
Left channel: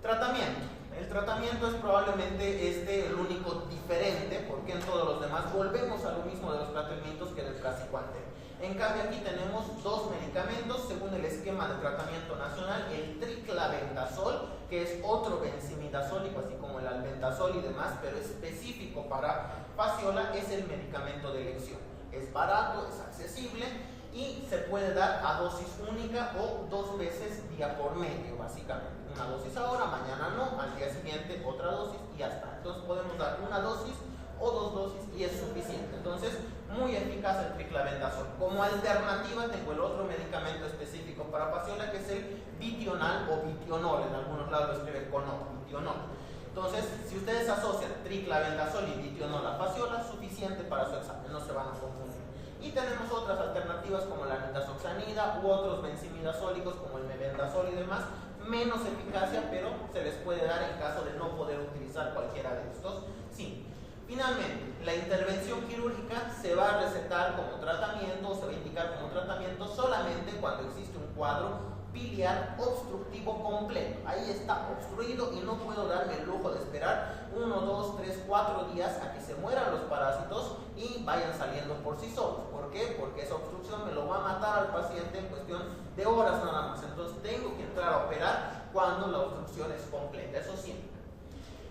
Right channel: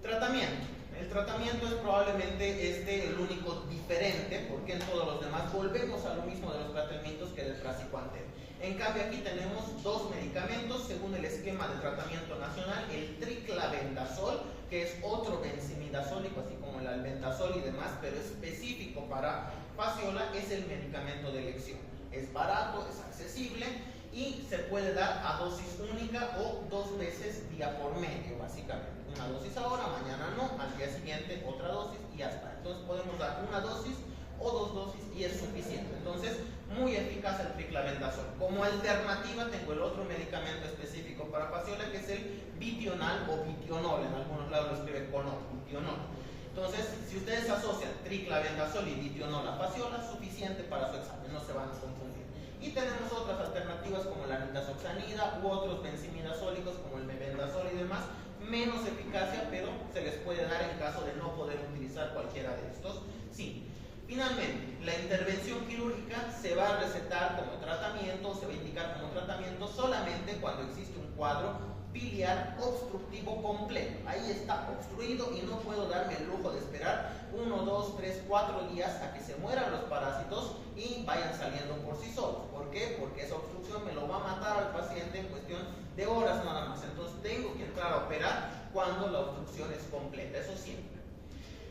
Tratamiento. El tratamiento es probablemente el único diferente, porque en todos los demás volvemos a lo mismo de los tratamientos que del praziquantel. En cambio aquí tenemos dos medicamentos según el esquema de tratamiento nacional, el triclavendazol, que es otro benzimidazólico, así como el albendazol y demás, pero específico para fasciola, es el medicamento de elección. Es barato, es accesible y se puede dar a dosis única o 2 veces día por medio, básicamente. Una dosis ahora, mañana no, al día siguiente otra dosis y ya está. Entonces podemos dar una dosis o 2 dosis y es suficiente. Entonces, muy eficaz el triclavendazol. Como alternativa tengo el otro medicamento específico para fasciola, que es el vitional o vitionol. En algunos lados lo escriben con O, vitionol. Entonces, si ustedes asocian triclavendazol y vitionol a fasciola, suficiente para su examen, no se van a confundir. Y tenemos otras alternativas como la nitazoxanida u otros benzimidazólicos como el mebendazol y demás, menos eficacia, pero se les puede dar en caso de no poder utilizar cualquiera de estos. Sí. Finalmente, la intervención quirúrgica se va a recetar como tratamiento, se va a indicar como tratamiento solamente cuando existe un cuadro biliar obstructivo completo. Ahí está obstruido y no puedo darme el lujo de esperar 1, 2, 3, 4 días a que se mueran los parásitos y vayan saliendo por sí solos. ¿Por qué? Porque esa obstrucción me lo va a matar al paciente en cuestión de horas nada más. Entonces tengo que entrar a operar cuando la obstrucción es completa, eso siempre.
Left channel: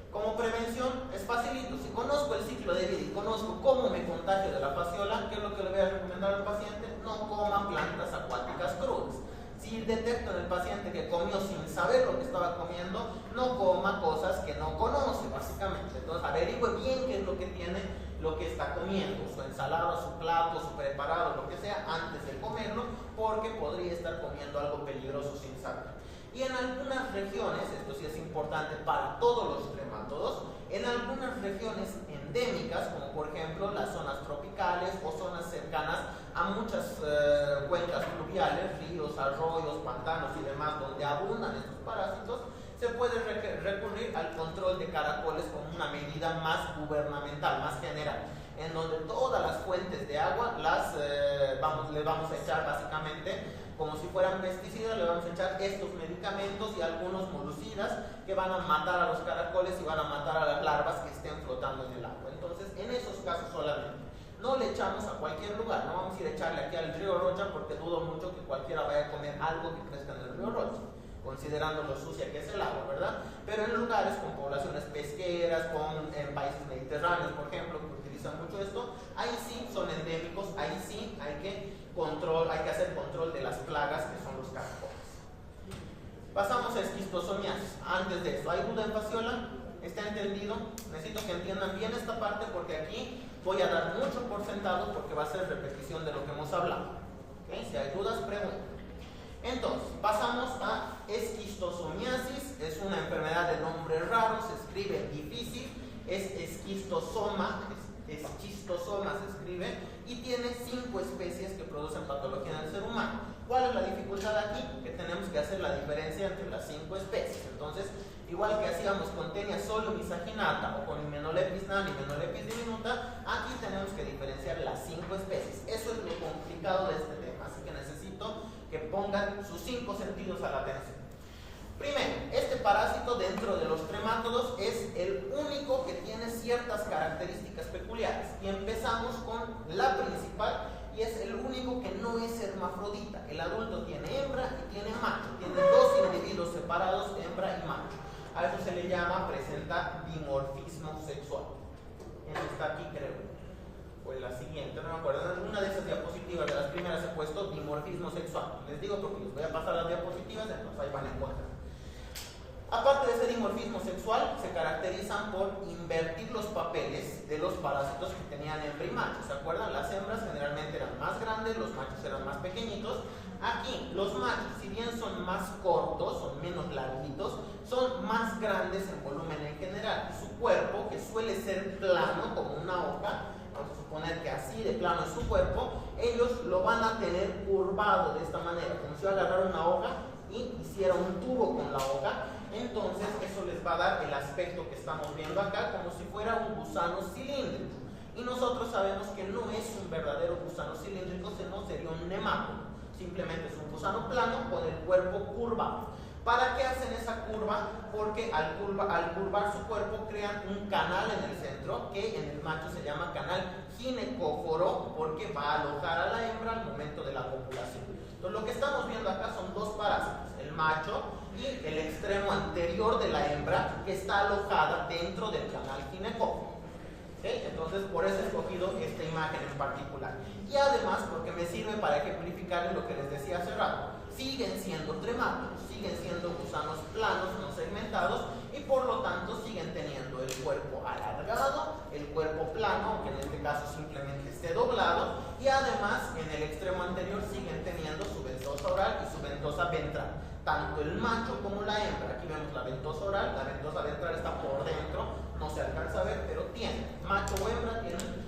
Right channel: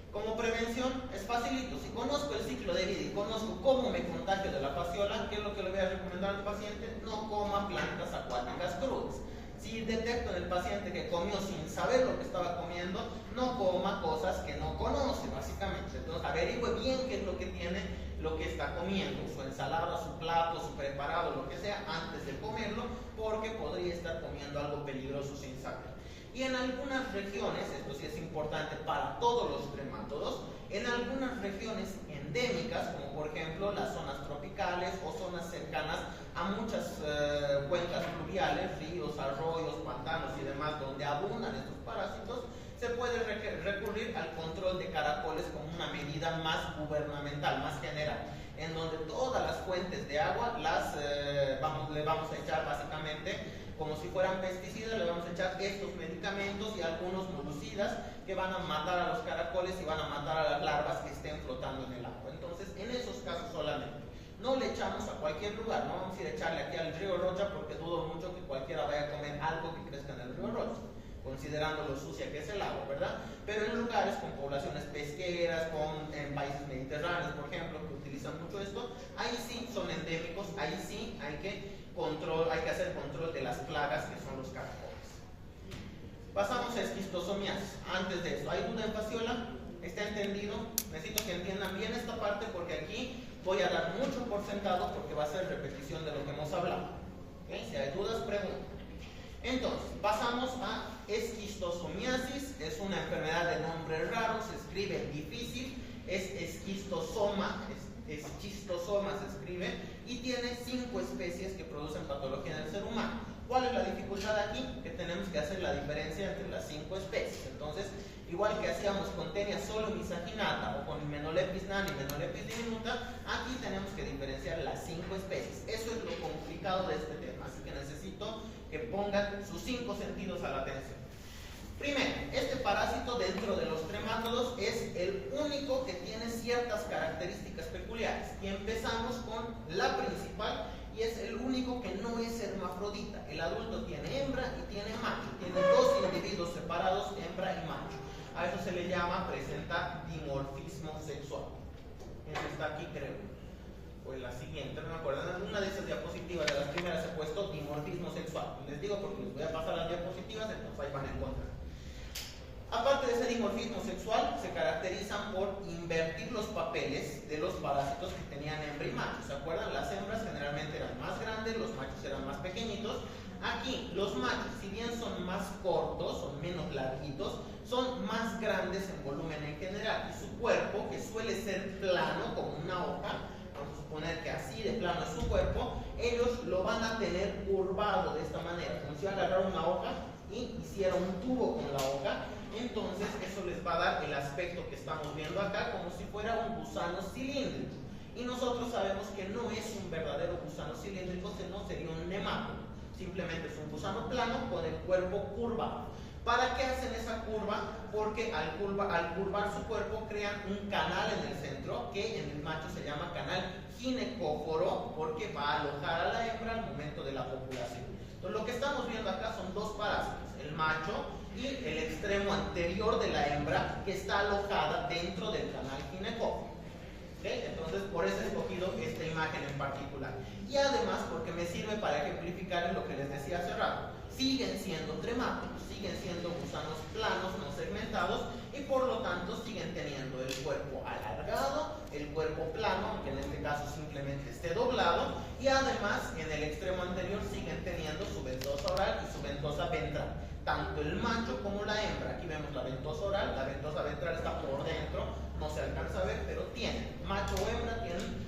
Como prevención es facilito. Si conozco el ciclo de vida y conozco cómo me contagio de la fasciola, ¿qué es lo que le voy a recomendar al paciente? No coma plantas acuáticas crudas. Si detecto en el paciente que comió sin saber lo que estaba comiendo, no coma cosas que no conoce, básicamente. Entonces averigüe bien qué es lo que tiene, lo que está comiendo, su ensalada, su plato, su preparado, lo que sea, antes de comerlo, porque podría estar comiendo algo peligroso sin saber. Y en algunas regiones, esto sí es importante para todos los tremátodos, en algunas regiones endémicas, como por ejemplo las zonas tropicales o zonas cercanas a muchas cuencas fluviales, ríos, arroyos, pantanos y demás, donde abundan estos parásitos, se puede recurrir al control de caracoles como una medida más gubernamental, más general, en donde todas las fuentes de agua le vamos a echar básicamente como si fueran pesticidas, le vamos a echar estos medicamentos y algunos molucidas que van a matar a los caracoles y van a matar a las larvas que estén flotando en el agua. Entonces, en esos casos solamente. No le echamos a cualquier lugar, no vamos a ir a echarle aquí al río Rocha porque dudo mucho que cualquiera vaya a comer algo que crezca en el río Rocha, considerando lo sucia que es el agua, ¿verdad? Pero en lugares con poblaciones pesqueras, en países mediterráneos, por ejemplo, que utilizan mucho esto, ahí sí son endémicos, ahí sí hay que hacer control de las plagas que son los caracoles. Pasamos a esquistosomiasis. Antes de eso, ¿hay duda en fasciola? ¿Está entendido? Necesito que entiendan bien esta parte porque aquí voy a dar mucho por sentado porque va a ser repetición de lo que hemos hablado. ¿Okay? Si hay dudas, pregunten. Entonces, pasamos a esquistosomiasis. Es una enfermedad de nombre raro, se escribe difícil, es esquistosoma, esquistosoma se escribe, y tiene 5 especies que producen patología en el ser humano. ¿Cuál es la dificultad aquí? Que tenemos que hacer la diferencia entre las 5 especies. Entonces, igual que hacíamos con Taenia solomisaginata o con Hymenolepis nana y Hymenolepis diminuta, aquí tenemos que diferenciar las 5 especies. Eso es lo complicado de este tema, así que necesito que pongan sus 5 sentidos a la atención. Primero, este parásito dentro de los tremátodos es el único que tiene ciertas características peculiares. Y empezamos con la principal, y es el único que no es hermafrodita. El adulto tiene hembra y tiene macho. Tiene 2 individuos separados, hembra y macho. A eso se le llama, presenta dimorfismo sexual. Eso está aquí, creo. O en la siguiente, no me acuerdo. En una de esas diapositivas, de las primeras, he puesto dimorfismo sexual. Les digo porque les voy a pasar las diapositivas, entonces ahí van a encontrar. Aparte de ese dimorfismo sexual, se caracterizan por invertir los papeles de los parásitos que tenían hembra y macho. ¿Se acuerdan? Las hembras generalmente eran más grandes, los machos eran más pequeñitos. Aquí, los machos, si bien son más cortos, son menos larguitos, son más grandes en volumen en general. Y su cuerpo, que suele ser plano como una hoja, vamos a suponer que así de plano es su cuerpo, ellos lo van a tener curvado de esta manera, como si agarraran una hoja y hiciera un tubo con la hoja. Entonces eso les va a dar el aspecto que estamos viendo acá, como si fuera un gusano cilíndrico. Y nosotros sabemos que no es un verdadero gusano cilíndrico, sino sería un nemátodo. Simplemente es un gusano plano con el cuerpo curvado. ¿Para qué hacen esa curva? Porque al curvar su cuerpo crean un canal en el centro, que en el macho se llama canal ginecóforo, porque va a alojar a la hembra al momento de la copulación. Entonces lo que estamos viendo acá son dos parásitos, el macho y el extremo anterior de la hembra, que está alojada dentro del canal ginecóforo. ¿Okay? Entonces por eso he escogido esta imagen en particular. Y además porque me sirve para ejemplificar lo que les decía hace rato. Siguen siendo tremátodos, siguen siendo gusanos planos, no segmentados, y por lo tanto siguen teniendo el cuerpo alargado, el cuerpo plano, que en este caso simplemente esté doblado, y además en el extremo anterior siguen teniendo su ventosa oral y su ventosa ventral. Tanto el macho como la hembra. Aquí vemos la ventosa oral, la ventosa ventral está por dentro, no se alcanza a ver, pero tiene, macho o hembra tienen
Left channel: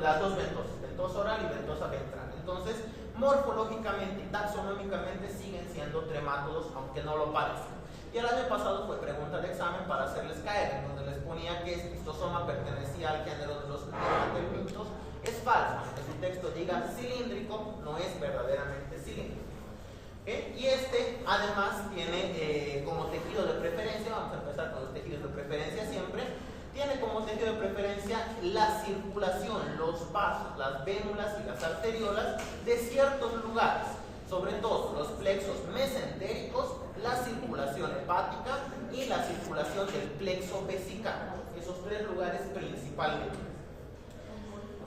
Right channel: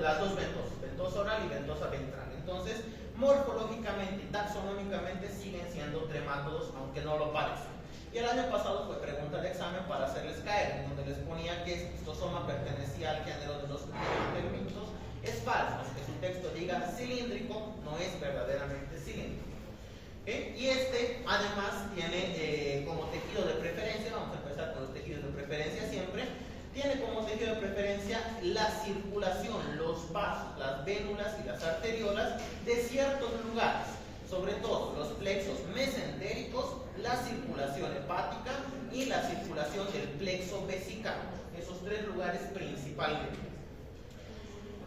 las dos ventosas, ventosa oral y ventosa ventral. Entonces, morfológicamente y taxonómicamente siguen siendo tremátodos, aunque no lo parezcan. Y el año pasado fue pregunta de examen para hacerles caer, en donde les ponía que esquistosoma pertenecía al género de los pteridófitos. Es falso, que su texto diga cilíndrico, no es verdaderamente cilíndrico. ¿Okay? Y este además tiene como tejido de preferencia, vamos a empezar con los tejidos de preferencia siempre, tiene como tejido de preferencia la circulación, los vasos, las vénulas y las arteriolas de ciertos lugares, sobre todo los plexos mesentéricos, la circulación hepática y la circulación del plexo vesical, esos tres lugares principalmente.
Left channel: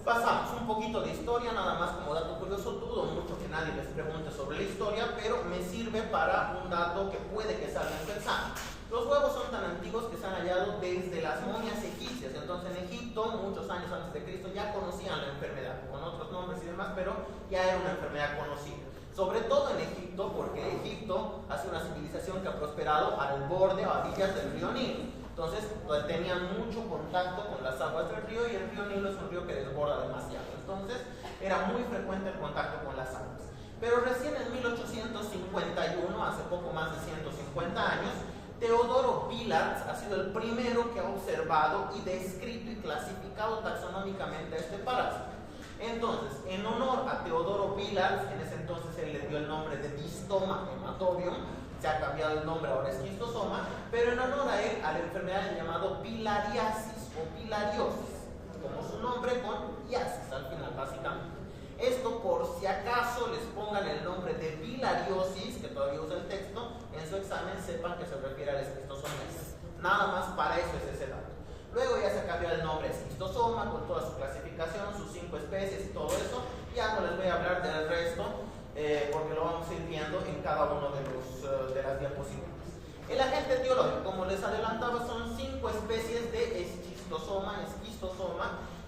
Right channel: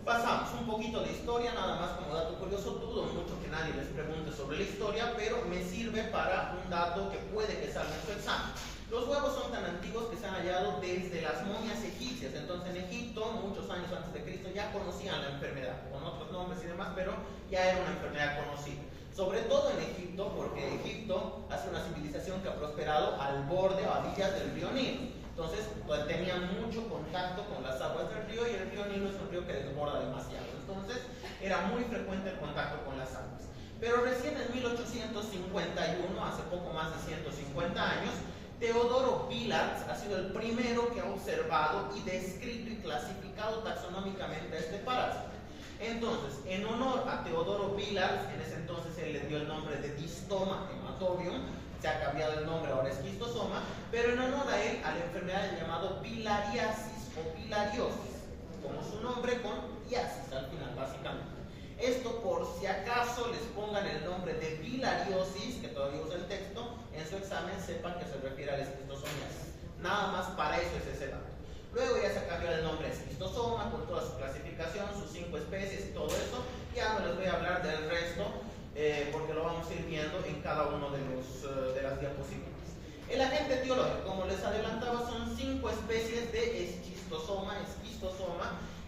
Pasamos un poquito de historia, nada más como dato curioso. Dudo mucho que nadie les pregunte sobre la historia, pero me sirve para un dato que puede que salga en su examen. Los huevos son tan antiguos que se han hallado desde las momias egipcias. Entonces en Egipto, muchos años antes de Cristo, ya conocían la enfermedad, con otros nombres y demás, pero ya era una enfermedad conocida. Sobre todo en Egipto, porque Egipto ha sido una civilización que ha prosperado al borde o a orillas del río Nilo. Entonces tenían mucho contacto con las aguas del río, y el río Nilo es un río que desborda demasiado. Entonces era muy frecuente el contacto con las aguas. Pero recién en 1851, hace poco más de 150 años, Teodoro Villars ha sido el primero que ha observado y descrito y clasificado taxonómicamente a este parásito. Entonces, en honor a Teodoro Villars, en ese entonces él le dio el nombre de Distoma hematobium, se ha cambiado el nombre, ahora es quistosoma, pero en honor a él, a la enfermedad llamado bilariasis o bilariosis, como su nombre, con iasis al final, básicamente. Esto por si acaso les pongan el nombre de bilariosis, que todavía usa el texto, en su examen sepan que se refiere al esquistosomiasis. Nada más para eso es ese dato. Luego ya se cambió el nombre a esquistosoma, con toda su clasificación, sus 5 especies y todo eso. Ya no les voy a hablar del resto, porque lo vamos a ir viendo en cada uno de las diapositivas. El agente etiológico, como les adelantaba, son 5 especies de esquistosoma,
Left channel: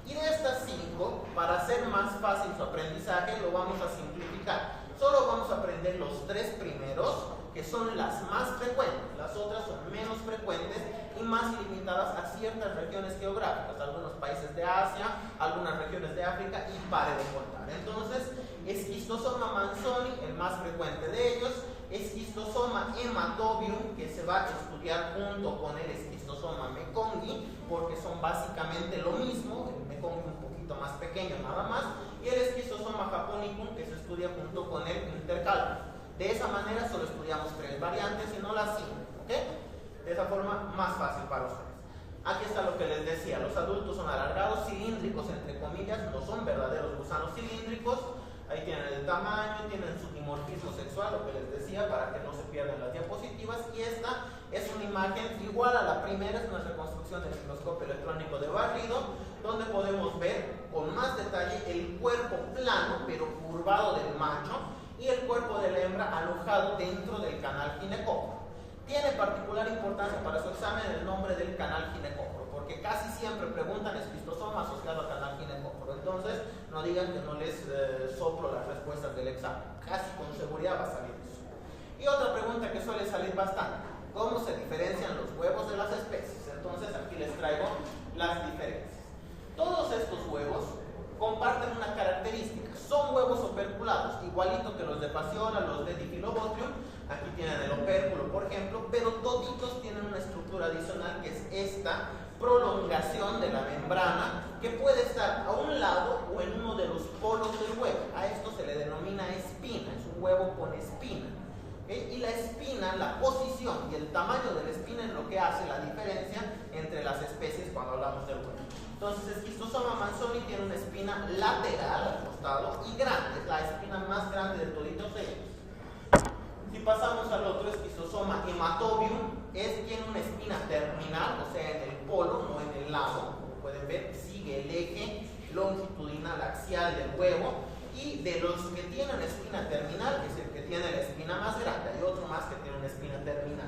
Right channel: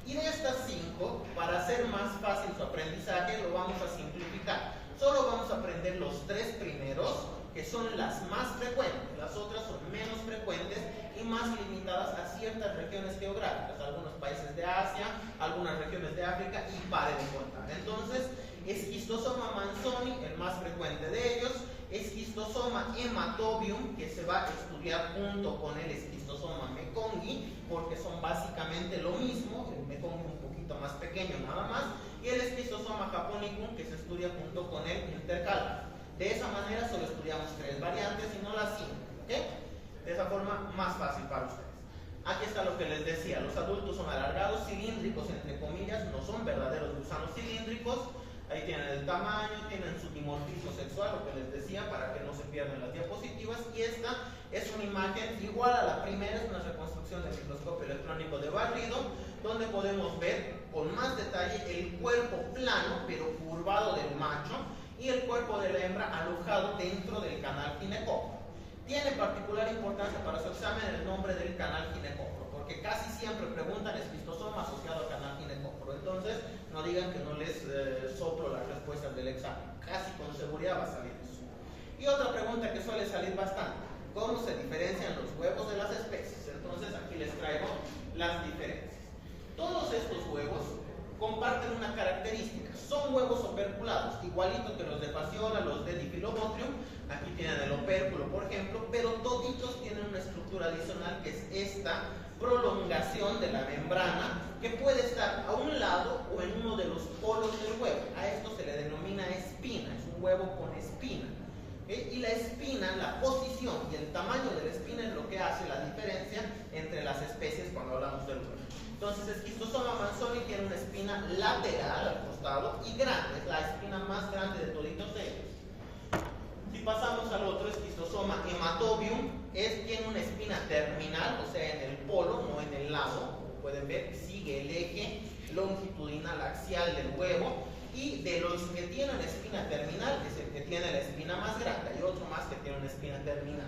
y de estas 5, para hacer más fácil su aprendizaje, lo vamos a simplificar. Solo vamos a aprender los 3 primeros, que son las más frecuentes. Las otras son menos frecuentes y más limitadas a ciertas regiones geográficas, algunos países de Asia, algunas regiones de África, y pare de contar. Entonces, esquistosoma manzoni, el más frecuente de ellos, esquistosoma hematobium, que se va a estudiar junto con el esquistosoma mekonghi, porque son básicamente lo mismo, el mekonghi un poquito más pequeño nada más, y el esquistosoma japonicum, que se estudia junto con el intercalare. De esa manera solo estudiamos 3 variantes y no las 5, ¿ok? De esa forma más fácil para ustedes. Aquí está lo que les decía, los adultos son alargados, cilíndricos entre comillas, no son verdaderos gusanos cilíndricos. Ahí tienen el tamaño, tienen su dimorfismo sexual, lo que les decía, para que no se pierdan las diapositivas. Y esta es una imagen igual a la primera, es una reconstrucción del microscopio electrónico de barrido, donde podemos ver con más detalle el cuerpo plano, pero curvado del macho, y el cuerpo de la hembra alojado dentro del canal ginecóforo. Tiene particular importancia para su examen el nombre del canal ginecóforo, porque casi siempre preguntan esquistosoma asociado al canal ginecóforo. Entonces, no digan que no les soplo las respuestas del examen. Casi con seguridad va a salir eso. Y otra pregunta que suele salir bastante: ¿cómo se diferencian los huevos de las especies? Entonces, aquí les traigo las diferencias. Todos estos huevos comparten una característica: son huevos operculados, igualito que los de Phaseola, los de Diphyllobotrium. Aquí tienen el opérculo, por ejemplo, pero toditos tienen una estructura adicional, que es esta prolongación de la membrana, que puede estar a un lado o en uno de los polos del huevo. A esto se le denomina espina, es un huevo con espina. ¿Okay? Y la espina, la posición y el tamaño de la espina es lo que hace la diferencia entre las especies cuando hablamos del huevo. Entonces, Schistosoma manzoni tiene una espina lateral al costado y grande, es la espina más grande de toditos ellos. Si pasamos al otro, Schistosoma hematobium, tiene una espina terminal, o sea, en el polo, no en el lado. Como pueden ver, sigue el eje longitudinal axial del huevo. Y de los que tienen espina terminal, es el que tiene la espina más grande. Hay otro más que tiene una espina terminal.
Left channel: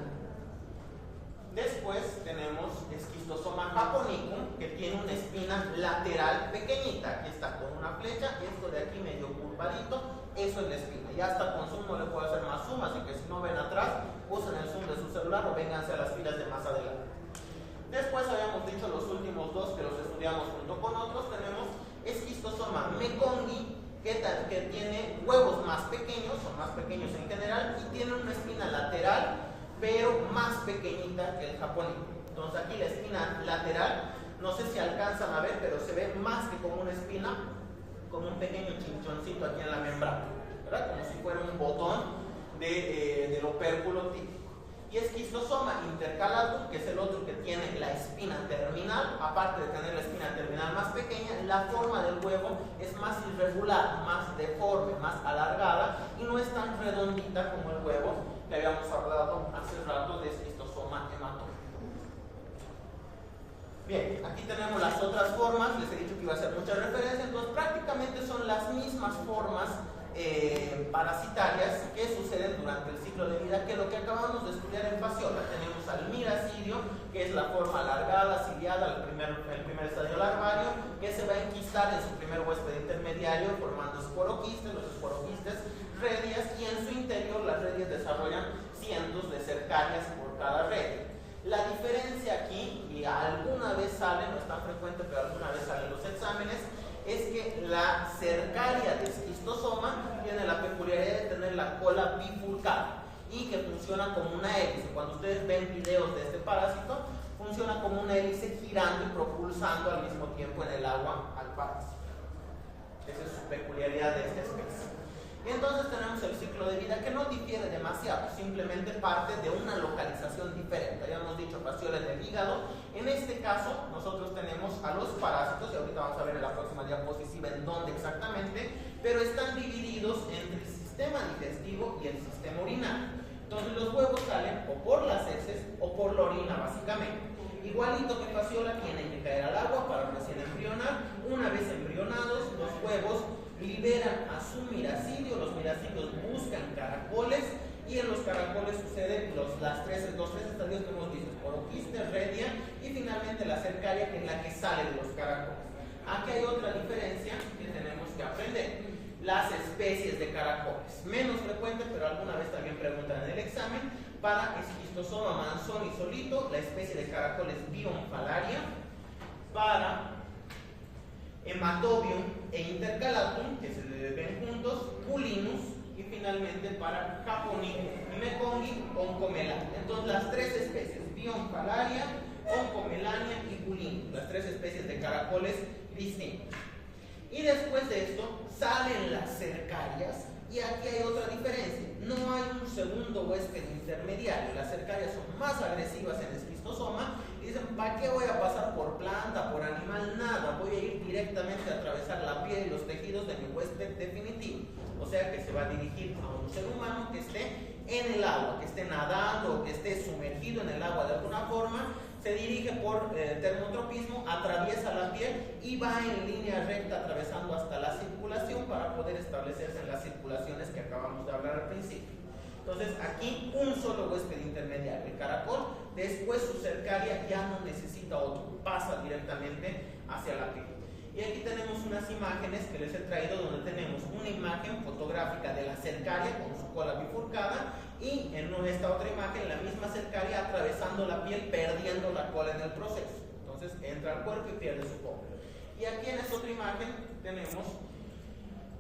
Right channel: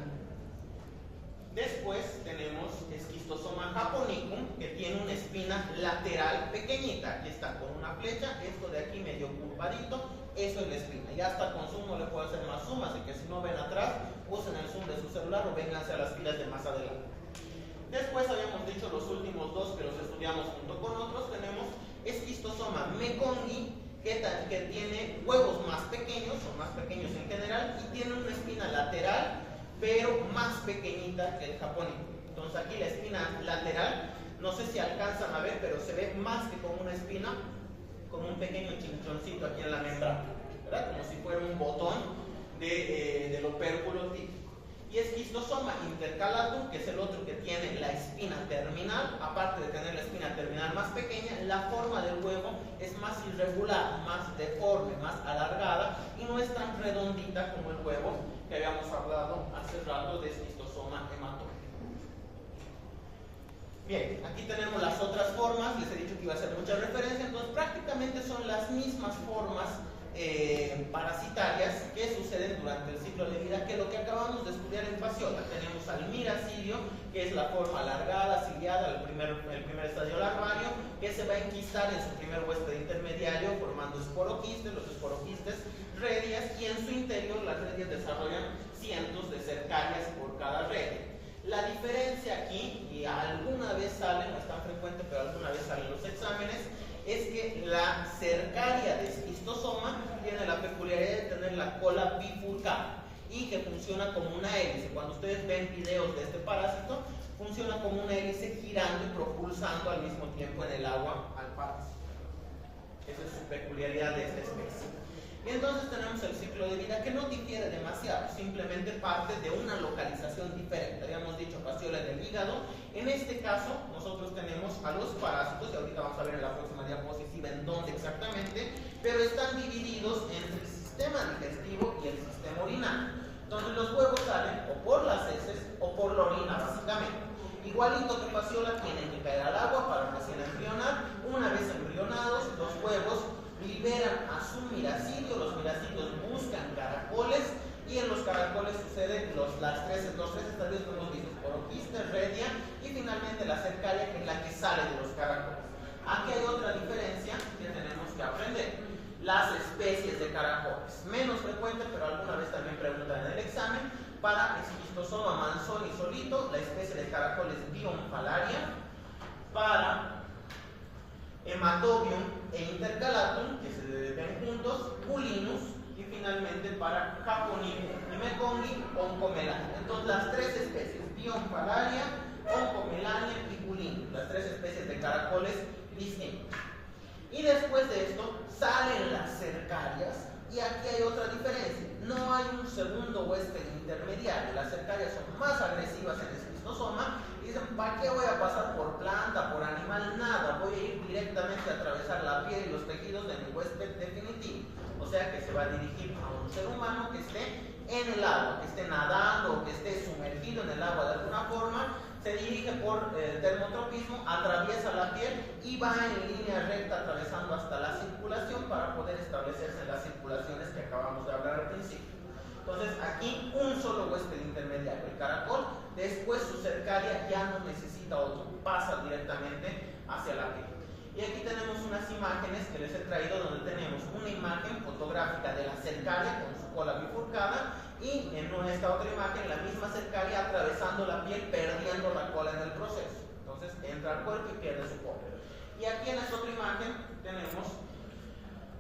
Después tenemos Schistosoma japonicum, que tiene una espina lateral pequeñita. Aquí está con una flecha, esto de aquí medio curvadito, eso es la espina. Ya hasta con zoom no le puedo hacer más zoom, así que si no ven atrás, usen el zoom de su celular o vénganse a las filas de más adelante. Después habíamos dicho los últimos dos que los estudiamos junto con otros. Tenemos Schistosoma mekongii, que tiene huevos más pequeños, son más pequeños en general, y tiene una espina lateral, pero más pequeñita que el japonicum. Entonces aquí la espina lateral, no sé si alcanzan a ver, pero se ve más que como una espina, como un pequeño chinchoncito aquí en la membrana, ¿verdad? Como si fuera un botón del opérculo típico. Y Schistosoma intercalatum, que es el otro que tiene la espina terminal. Aparte de tener la espina terminal más pequeña, la forma del huevo es más irregular, más deforme, más alargada, y no es tan redondita como el huevo que habíamos hablado hace rato de Schistosoma hematobium. Bien, aquí tenemos las otras formas. Les he dicho que iba a hacer mucha referencia, entonces prácticamente son las mismas formas parasitarias que suceden durante el ciclo de vida que lo que acabamos de estudiar en Phaseola. Tenemos al miracidio, que es la forma alargada, ciliada, el primer estadio larvario, que se va a enquistar en su primer huésped intermediario formando esporoquistes, los esporoquistes redias, y en su interior las redias desarrollan cientos de cercarias por cada redia. La diferencia aquí, y alguna vez sale, no es tan frecuente, pero alguna vez sale en los exámenes, es que la cercaria de Schistosoma tiene la peculiaridad de tener la cola bifurcada y que funciona como una hélice. Cuando ustedes ven videos de este parásito, funciona como una hélice girando y propulsando al mismo tiempo en el agua al parásito. Esa es su peculiaridad de esta especie. Y entonces tenemos el ciclo de vida, que no difiere demasiado, simplemente parte de una localización diferente. Habíamos dicho Phaseola en el hígado. En este caso, nosotros tenemos a los parásitos, y ahorita vamos a ver en la próxima diapositiva en dónde exactamente, pero están divididos entre el sistema digestivo y el sistema urinario. Entonces los huevos salen o por las heces o por la orina, básicamente. Igualito que Phaseola, tienen que caer al agua para recién embrionar. Una vez embrionados, los huevos liberan a su miracidio, los miracidios buscan caracoles, y en los caracoles suceden los tres estadios que hemos dicho: esporoquiste, redia y finalmente la cercaria, que es la que sale de los caracoles. Aquí hay otra diferencia que tenemos que aprender: las especies de caracoles, menos frecuente, pero alguna vez también preguntan en el examen. Para Schistosoma manzoni solito, la especie de caracoles Bionfalaria. Para Hematobium e Intercalatum, que se ven juntos, Pulinus, y finalmente para Japonicum y Mekongii, Oncomelania. Entonces las tres especies, Bionfalaria, Oncomelania y Pulinus, las tres especies de caracoles distintos. Y después de esto salen las cercarias, y aquí hay otra diferencia: no hay un segundo huésped intermediario. Las cercarias son más agresivas en el Schistosoma. Dicen, ¿para qué voy a pasar por planta, por animal? Nada, voy a ir directamente a atravesar la piel y los tejidos de mi huésped definitivo. O sea que se va a dirigir a un ser humano que esté en el agua, que esté nadando o que esté sumergido en el agua de alguna forma. Se dirige por termotropismo, atraviesa la piel y va en línea recta atravesando hasta la circulación para poder establecerse en las circulaciones que acabamos de hablar al principio. Entonces aquí un solo huésped intermediario, el caracol, después su cercaria ya no necesita otro, pasa directamente hacia la piel. Y aquí tenemos unas imágenes que les he traído donde tenemos una imagen fotográfica de la cercaria con su cola bifurcada y en esta otra imagen la misma cercaria atravesando la piel, perdiendo la cola en el proceso. Entonces entra al cuerpo y pierde su cola. Y aquí en esta otra imagen tenemos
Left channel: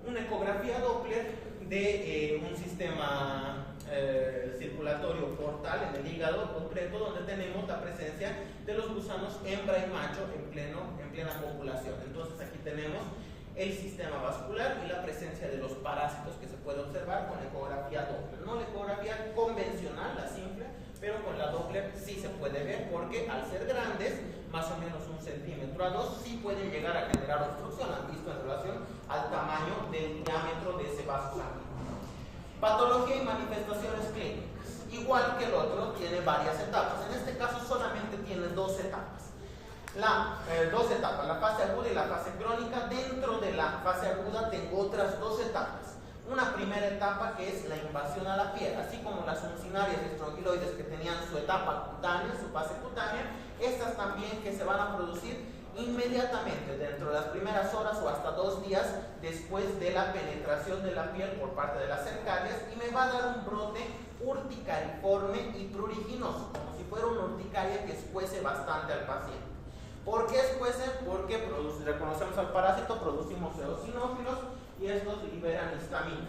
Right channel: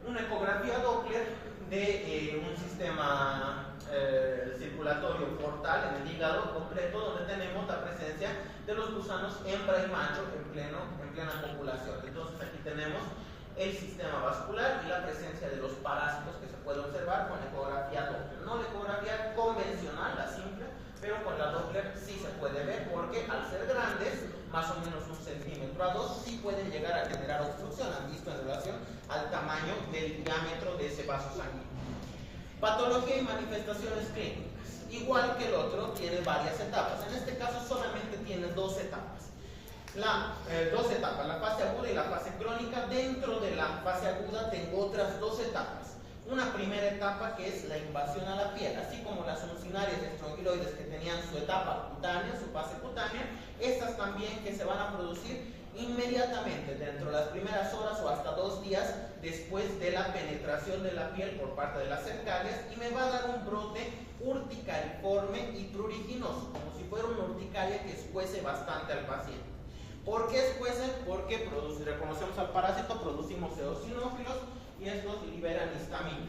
una ecografía Doppler de un sistema circulatorio portal en el hígado completo, donde tenemos la presencia de los gusanos hembra y macho en plena copulación. Entonces aquí tenemos el sistema vascular y la presencia de los parásitos que se puede observar con ecografía Doppler. No la ecografía convencional, la simple, pero con la Doppler sí se puede ver, porque al ser grandes, más o menos 1 centímetro a 2, sí pueden llegar a generar obstrucción, han visto en relación al tamaño del diámetro de ese vaso sanguíneo. Patología y manifestaciones clínicas. Igual que el otro, tiene varias etapas. En este caso solamente tiene 2 etapas. Dos etapas, la fase aguda y la fase crónica. Dentro de la fase aguda tengo otras 2 etapas. Una primera etapa que es la invasión a la piel, así como las uncinarias y estrongiloides que tenían su etapa cutánea, su fase cutánea, estas también que se van a producir inmediatamente dentro de las primeras horas o hasta 2 días después de la penetración de la piel por parte de las cercarias, y me va a dar un brote urticariforme y pruriginoso, como si fuera una urticaria que escuece bastante al paciente. ¿Por qué escuece? Porque reconocemos al parásito, producimos eosinófilos y estos liberan histamina.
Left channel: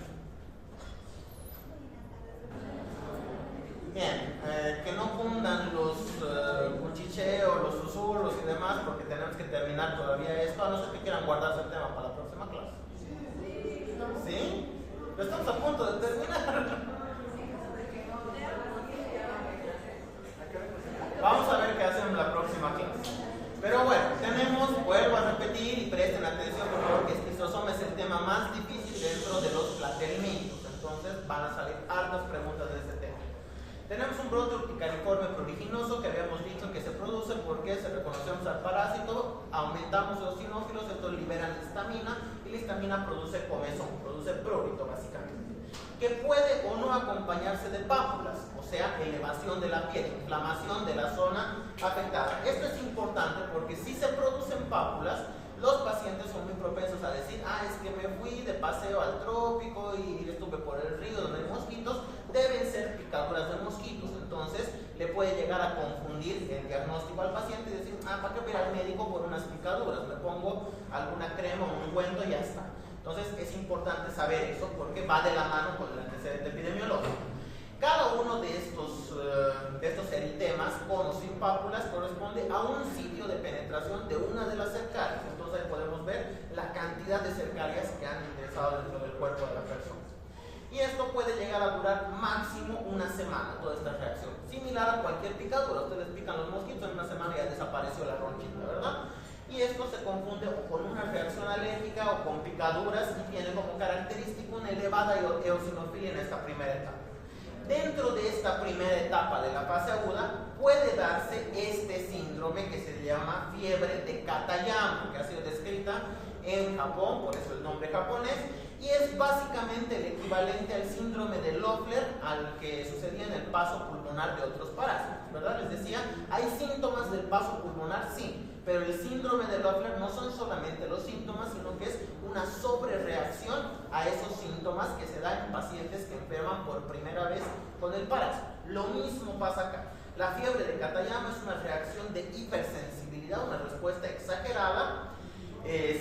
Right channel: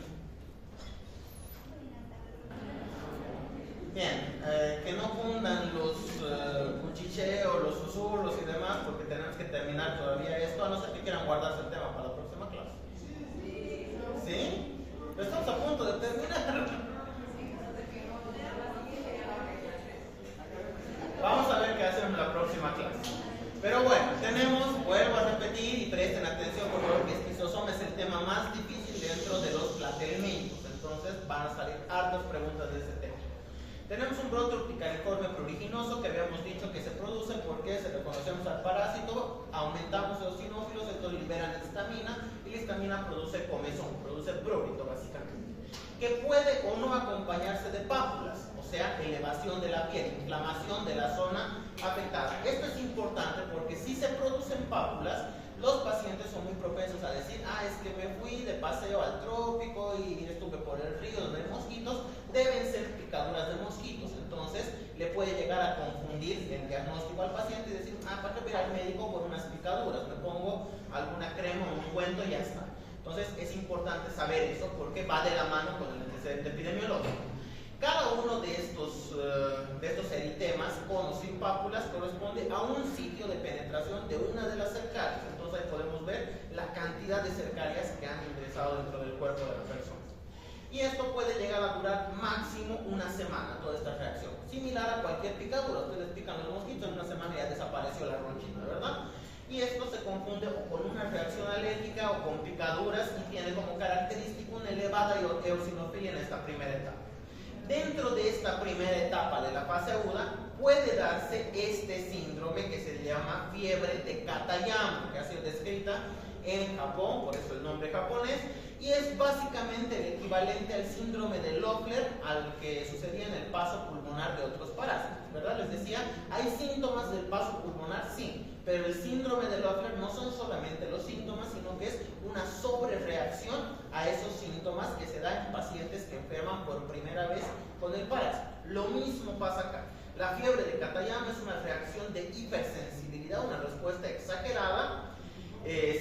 Bien, que no fundan los cuchicheos, los susurros y demás, porque tenemos que terminar todavía esto, a no ser que quieran guardarse el tema para la próxima clase. ¿Sí? Pero estamos a punto de terminar. Vamos a ver qué hacemos la próxima clase. Pero bueno, vuelvo a repetir y presten atención por favor, que esquizosoma es el tema más difícil dentro de los platelmicos. Entonces van a salir hartas preguntas de ese tema. Tenemos un brote urticariforme pruriginoso que habíamos dicho que se produce porque se reconocemos al parásito, aumentamos los eosinófilos, estos liberan histamina y la histamina produce comezón, produce prurito básicamente, que puede o no acompañarse de pápulas, o sea, elevación de la piel, inflamación de la zona afectada. Esto es importante porque si se producen pápulas, los pacientes son muy propensos a decir, es que me fui de paseo al trópico y estuve por el río donde hay mosquitos, deben ser picaduras de mosquitos. Entonces le puede llegar a confundir el diagnóstico al paciente y decir, ¿para qué ir al médico por unas picaduras? Me pongo alguna crema o un ungüento y ya está. Entonces es importante saber eso porque va de la mano con el antecedente epidemiológico. Cada uno de estos eritemas con o sin pápulas corresponde a un sitio de penetración de una de las cercarias. Entonces ahí podemos ver la cantidad de cercarias que han ingresado dentro del cuerpo de la persona. Y esto puede llegar a durar máximo 1 semana, toda esta reacción. Similar a cualquier picadura, ustedes pican los mosquitos, en 1 semana ya desapareció la ronchita, ¿verdad? Y esto se confunde o con una reacción alérgica o con picaduras y tiene como característica una elevada eosinofilia en esta primera etapa. Dentro de esta primera etapa de la fase aguda puede darse este síndrome que se llama fiebre de Katayama, que ha sido descrita en Japón, por eso el nombre japonés, y es básicamente el equivalente al síndrome de Loeffler al que sucedía en el paso pulmonar de otros parásitos, ¿verdad? Les decía, hay síntomas del paso pulmonar, sí, pero el síndrome de Loeffler no son solamente los síntomas, sino que es una sobrereacción a esos síntomas que se dan en pacientes que enferman por primera vez con el parásito. Lo mismo pasa acá. La fiebre de Katayama es una reacción de hipersensibilidad, una respuesta exagerada,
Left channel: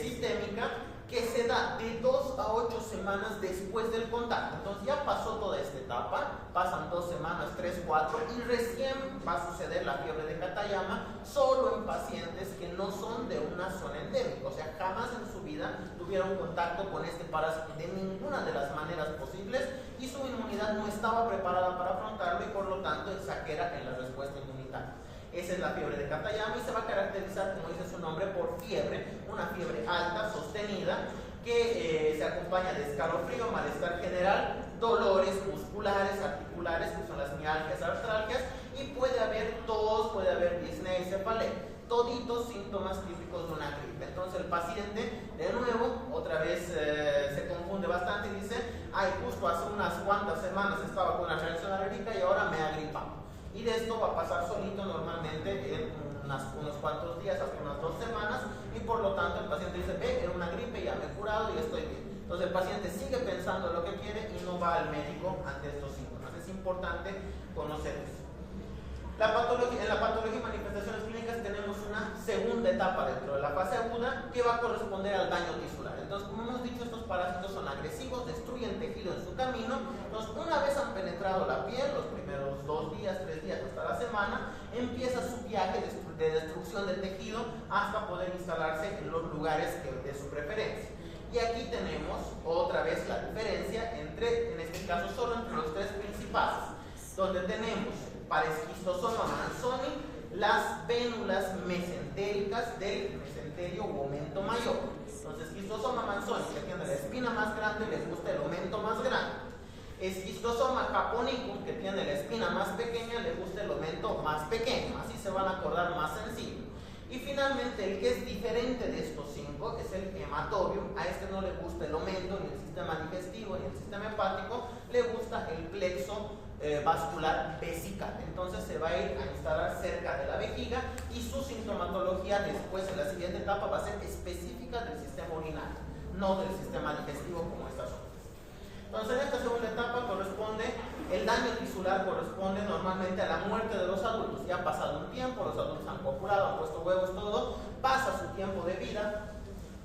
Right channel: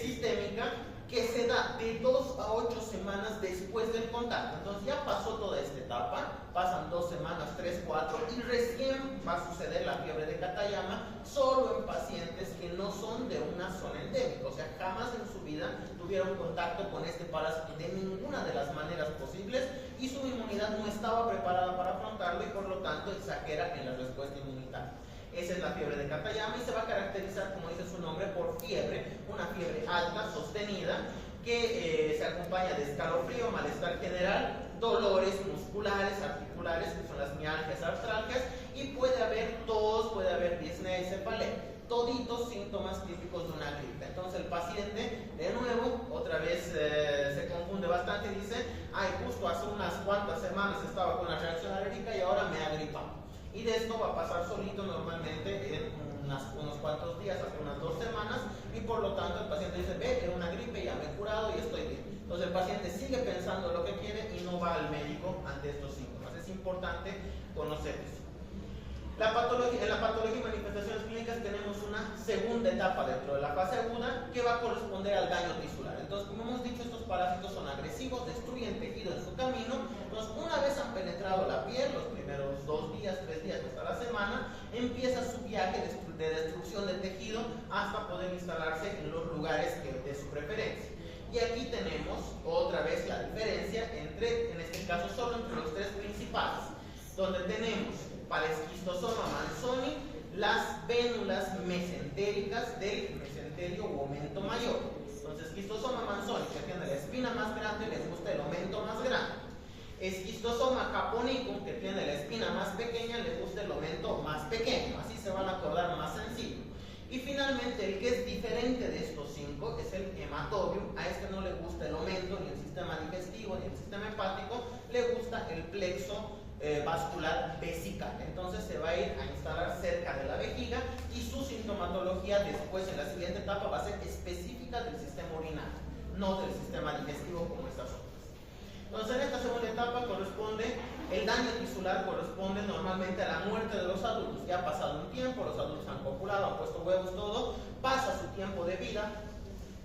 sistémica, que se da de 2 a 8 semanas después del contacto. Entonces ya pasó toda esta etapa, pasan 2 semanas, 3, 4, y recién va a suceder la fiebre de Katayama solo en pacientes que no son de una zona endémica, o sea, jamás en su vida tuvieron contacto con este parásito de ninguna de las maneras posibles y su inmunidad no estaba preparada para afrontarlo y por lo tanto exagera en la respuesta inmunitaria. Esa es la fiebre de Katayama y se va a caracterizar, como dice su nombre, por fiebre, una fiebre alta, sostenida, que se acompaña de escalofrío, malestar general, dolores musculares, articulares, que son las mialgias, artralgias, y puede haber tos, puede haber disnea y cefalea, toditos síntomas típicos de una gripe. Entonces el paciente, de nuevo, otra vez se confunde bastante y dice, ay, justo hace unas cuantas semanas estaba con una reacción alérgica y ahora me ha gripado. Y de esto va a pasar solito normalmente en unos cuantos días, hasta unas 2 semanas, y por lo tanto el paciente dice, ve, era una gripe, ya me he curado y estoy bien. Entonces el paciente sigue pensando lo que quiere y no va al médico ante estos síntomas. Es importante conocer eso. En la patología y manifestaciones clínicas tenemos una segunda etapa dentro de la fase aguda que va a corresponder al daño tisular. Entonces, como hemos dicho, estos parásitos son agresivos, destruyen tejido en su camino. Entonces, una vez han penetrado la piel, los primeros 2 días, 3 días hasta la semana, empieza su viaje de destrucción del tejido hasta poder instalarse en los lugares de su preferencia. Y aquí tenemos otra vez la diferencia entre, en este caso, solo entre los 3 principales, donde tenemos para esquistosoma manzoni las vénulas mesentéricas del mesenterio u aumento mayor. Entonces, esquistosoma manzoni, que tiene la espina más grande, les gusta el aumento más grande. Esquistosoma japonicum, que tiene la espina más pequeña, les gusta el aumento más pequeño. Así se van a acordar más sencillo. Y finalmente, el que es diferente de estos 5 es el hematobium. A este no le gusta el aumento, ni el sistema digestivo, ni el sistema hepático, le gusta el plexo vascular vesical. Entonces se va a ir a instalar cerca de la vejiga y su sintomatología después en la siguiente etapa va a ser específica del sistema urinario, no del sistema digestivo como estas otras. Entonces en esta segunda etapa el daño tisular corresponde normalmente a la muerte de los adultos. Ya ha pasado un tiempo, los adultos han copulado, han puesto huevos, todo, pasa su tiempo de vida,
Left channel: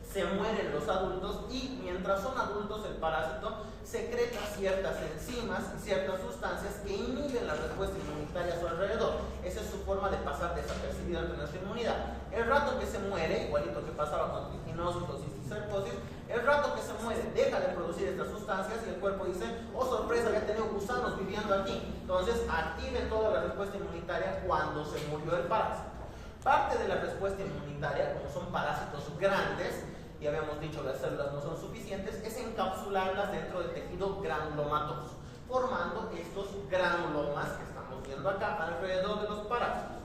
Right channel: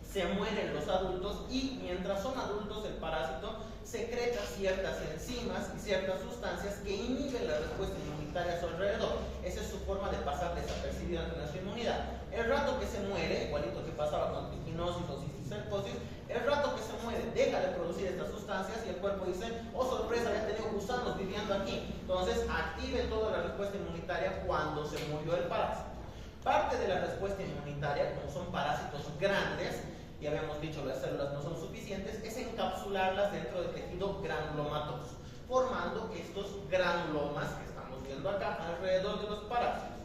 se mueren los adultos y mientras son adultos el parásito secreta ciertas enzimas y ciertas sustancias que inhiben la respuesta inmunitaria a su alrededor. Esa es su forma de pasar desapercibida ante nuestra inmunidad. El rato que se muere, igualito que pasaba con trichinosis o cisticercosis, el rato que se muere deja de producir estas sustancias y el cuerpo dice, oh sorpresa, ya he tenido gusanos viviendo aquí. Entonces active toda la respuesta inmunitaria cuando se murió el parásito. Parte de la respuesta inmunitaria, como son parásitos grandes, y habíamos dicho las células no son suficientes, es encapsularlas dentro del tejido granulomatoso, formando estos granulomas que estamos viendo acá alrededor de los parásitos.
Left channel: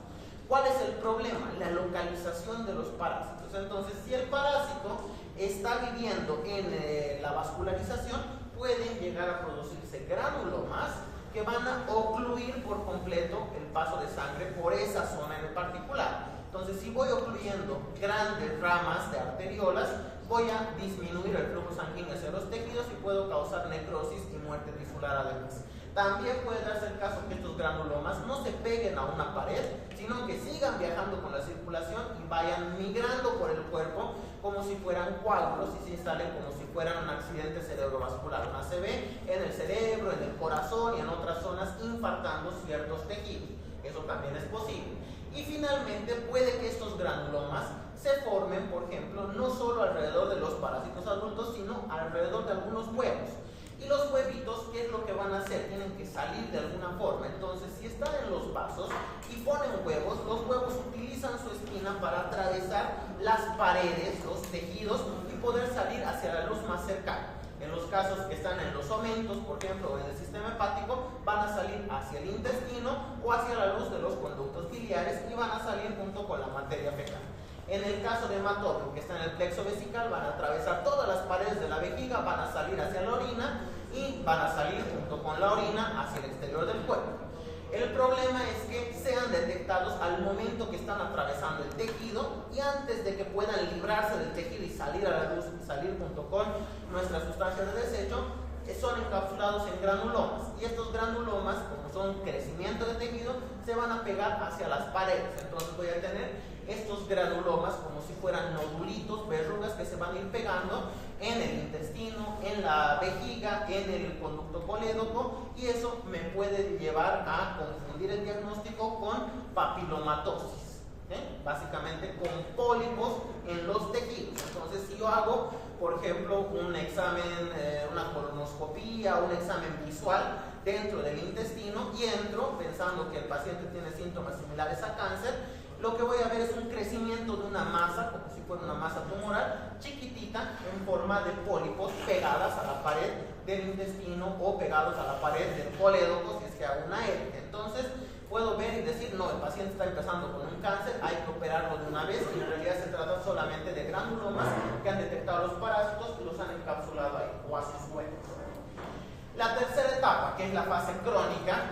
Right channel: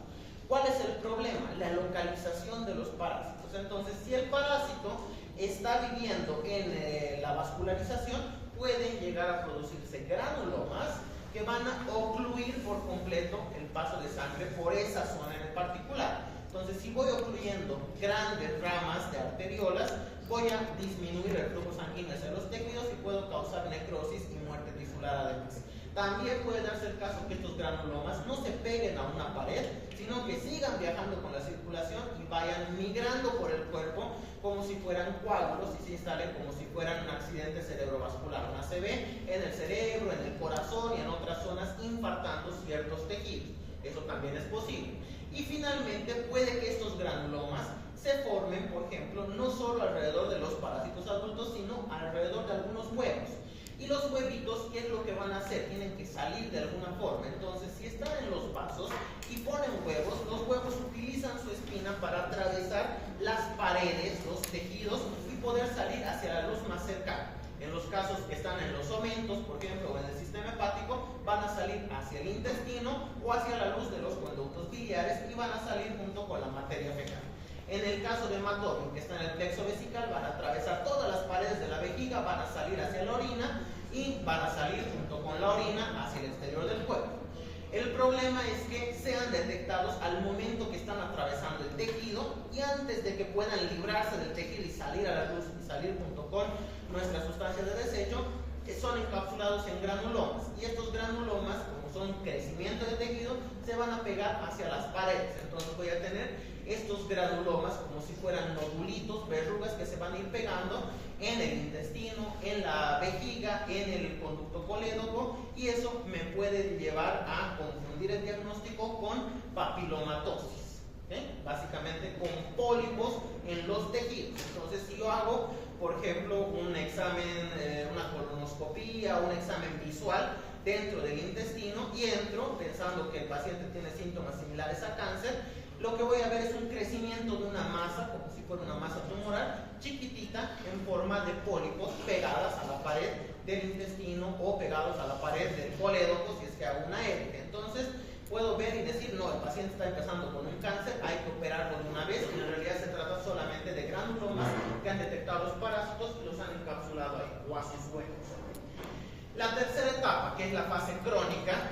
¿Cuál es el problema? La localización de los parásitos. Entonces, si el parásito está viviendo en la vascularización, pueden llegar a producirse granulomas que van a ocluir por completo el paso de sangre por esa zona en particular. Entonces, si voy ocluyendo grandes ramas de arteriolas, voy a disminuir el flujo sanguíneo hacia los tejidos y puedo causar necrosis y muerte tisular además. También puede darse el caso que estos granulomas no se peguen a una pared, sino que sigan viajando con la circulación y vayan migrando por el cuerpo como si fueran coágulos y se instalen como si fueran un accidente cerebrovascular, una ACV, en el cerebro, en el corazón y en otras zonas, infartando ciertos tejidos. Eso también es posible. Y finalmente puede que estos granulomas se formen, por ejemplo, no solo alrededor de los parásitos adultos, sino alrededor de algunos huevos. Y los huevitos, ¿qué es lo que van a hacer? Tienen que salir de alguna forma. Entonces, si están en los vasos y ponen huevos, los huevos utilizan su espina para atravesar las paredes, los tejidos y poder salir hacia la luz más cercana. En los casos que están en los omentos, por ejemplo, o en el sistema hepático, van a salir hacia el intestino o hacia la luz de los conductos biliares y van a salir junto con la materia fecal. En el caso de hematobium, que está en el plexo vesical, van a atravesar todas las paredes de la vejiga, van a salir hacia la orina y van a salir junto con la orina hacia el exterior del cuerpo. El problema es que sean detectados al momento que están atravesando el tejido y antes de que puedan librarse del tejido y salir a la luz y salir junto con nuestras sustancias de desecho, son encapsulados en granulomas. Y estos granulomas, como son crecimiento de tejido, se van a pegar hacia las paredes. Entonces voy a tener estos granulomas como si fueran nodulitos, verrugas que se van a ir pegando en el intestino, en la vejiga, en el conducto colédoco, y eso me puede llevar a confundir el diagnóstico con papilomatosis, básicamente con pólipos en los tejidos. Entonces, si yo hago, por ejemplo, un examen, una colonoscopía, un examen visual dentro del intestino y entro pensando que el paciente tiene síntomas similares a cáncer, lo que voy a ver es un crecimiento de una masa, como si fuera una masa tumoral, chiquitita, en forma de pólipos pegadas a la pared del intestino o pegados a la pared del colédoco, si es que hago una élica. Entonces, puedo ver y decir, no, el paciente está empezando con un cáncer, hay que operarlo de una vez, y en realidad se trata solamente de granulomas que han detectado los parásitos y los han encapsulado ahí, o a sus huevos. La tercera etapa, que es la fase crónica,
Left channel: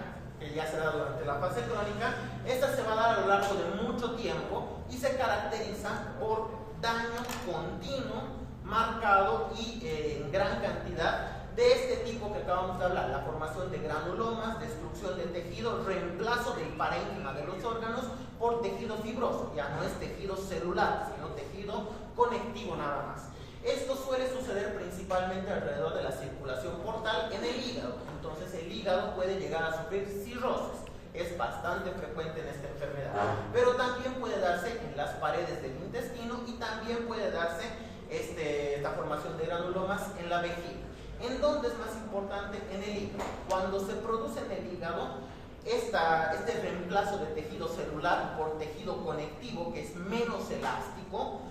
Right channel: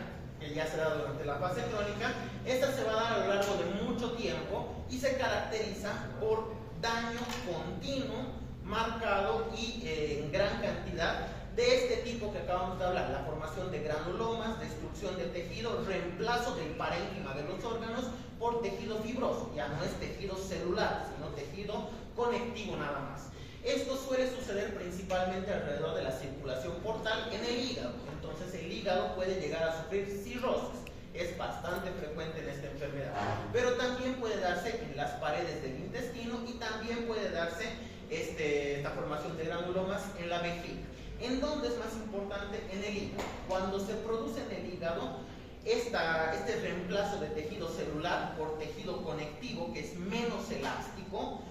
que ya se da durante la fase crónica, esta se va a dar a lo largo de mucho tiempo y se caracteriza por daño continuo, marcado y en gran cantidad de este tipo que acabamos de hablar: la formación de granulomas, destrucción de tejido, reemplazo del parénquima de los órganos por tejido fibroso. Ya no es tejido celular, sino tejido conectivo nada más. Esto suele suceder principalmente alrededor de la circulación portal en el hígado. Entonces el hígado puede llegar a sufrir cirrosis. Es bastante frecuente en esta enfermedad. Pero también puede darse en las paredes del intestino y también puede darse esta formación de granulomas en la vejiga. ¿En dónde es más importante? En el hígado. Cuando se produce en el hígado este reemplazo de tejido celular por tejido conectivo, que es menos elástico,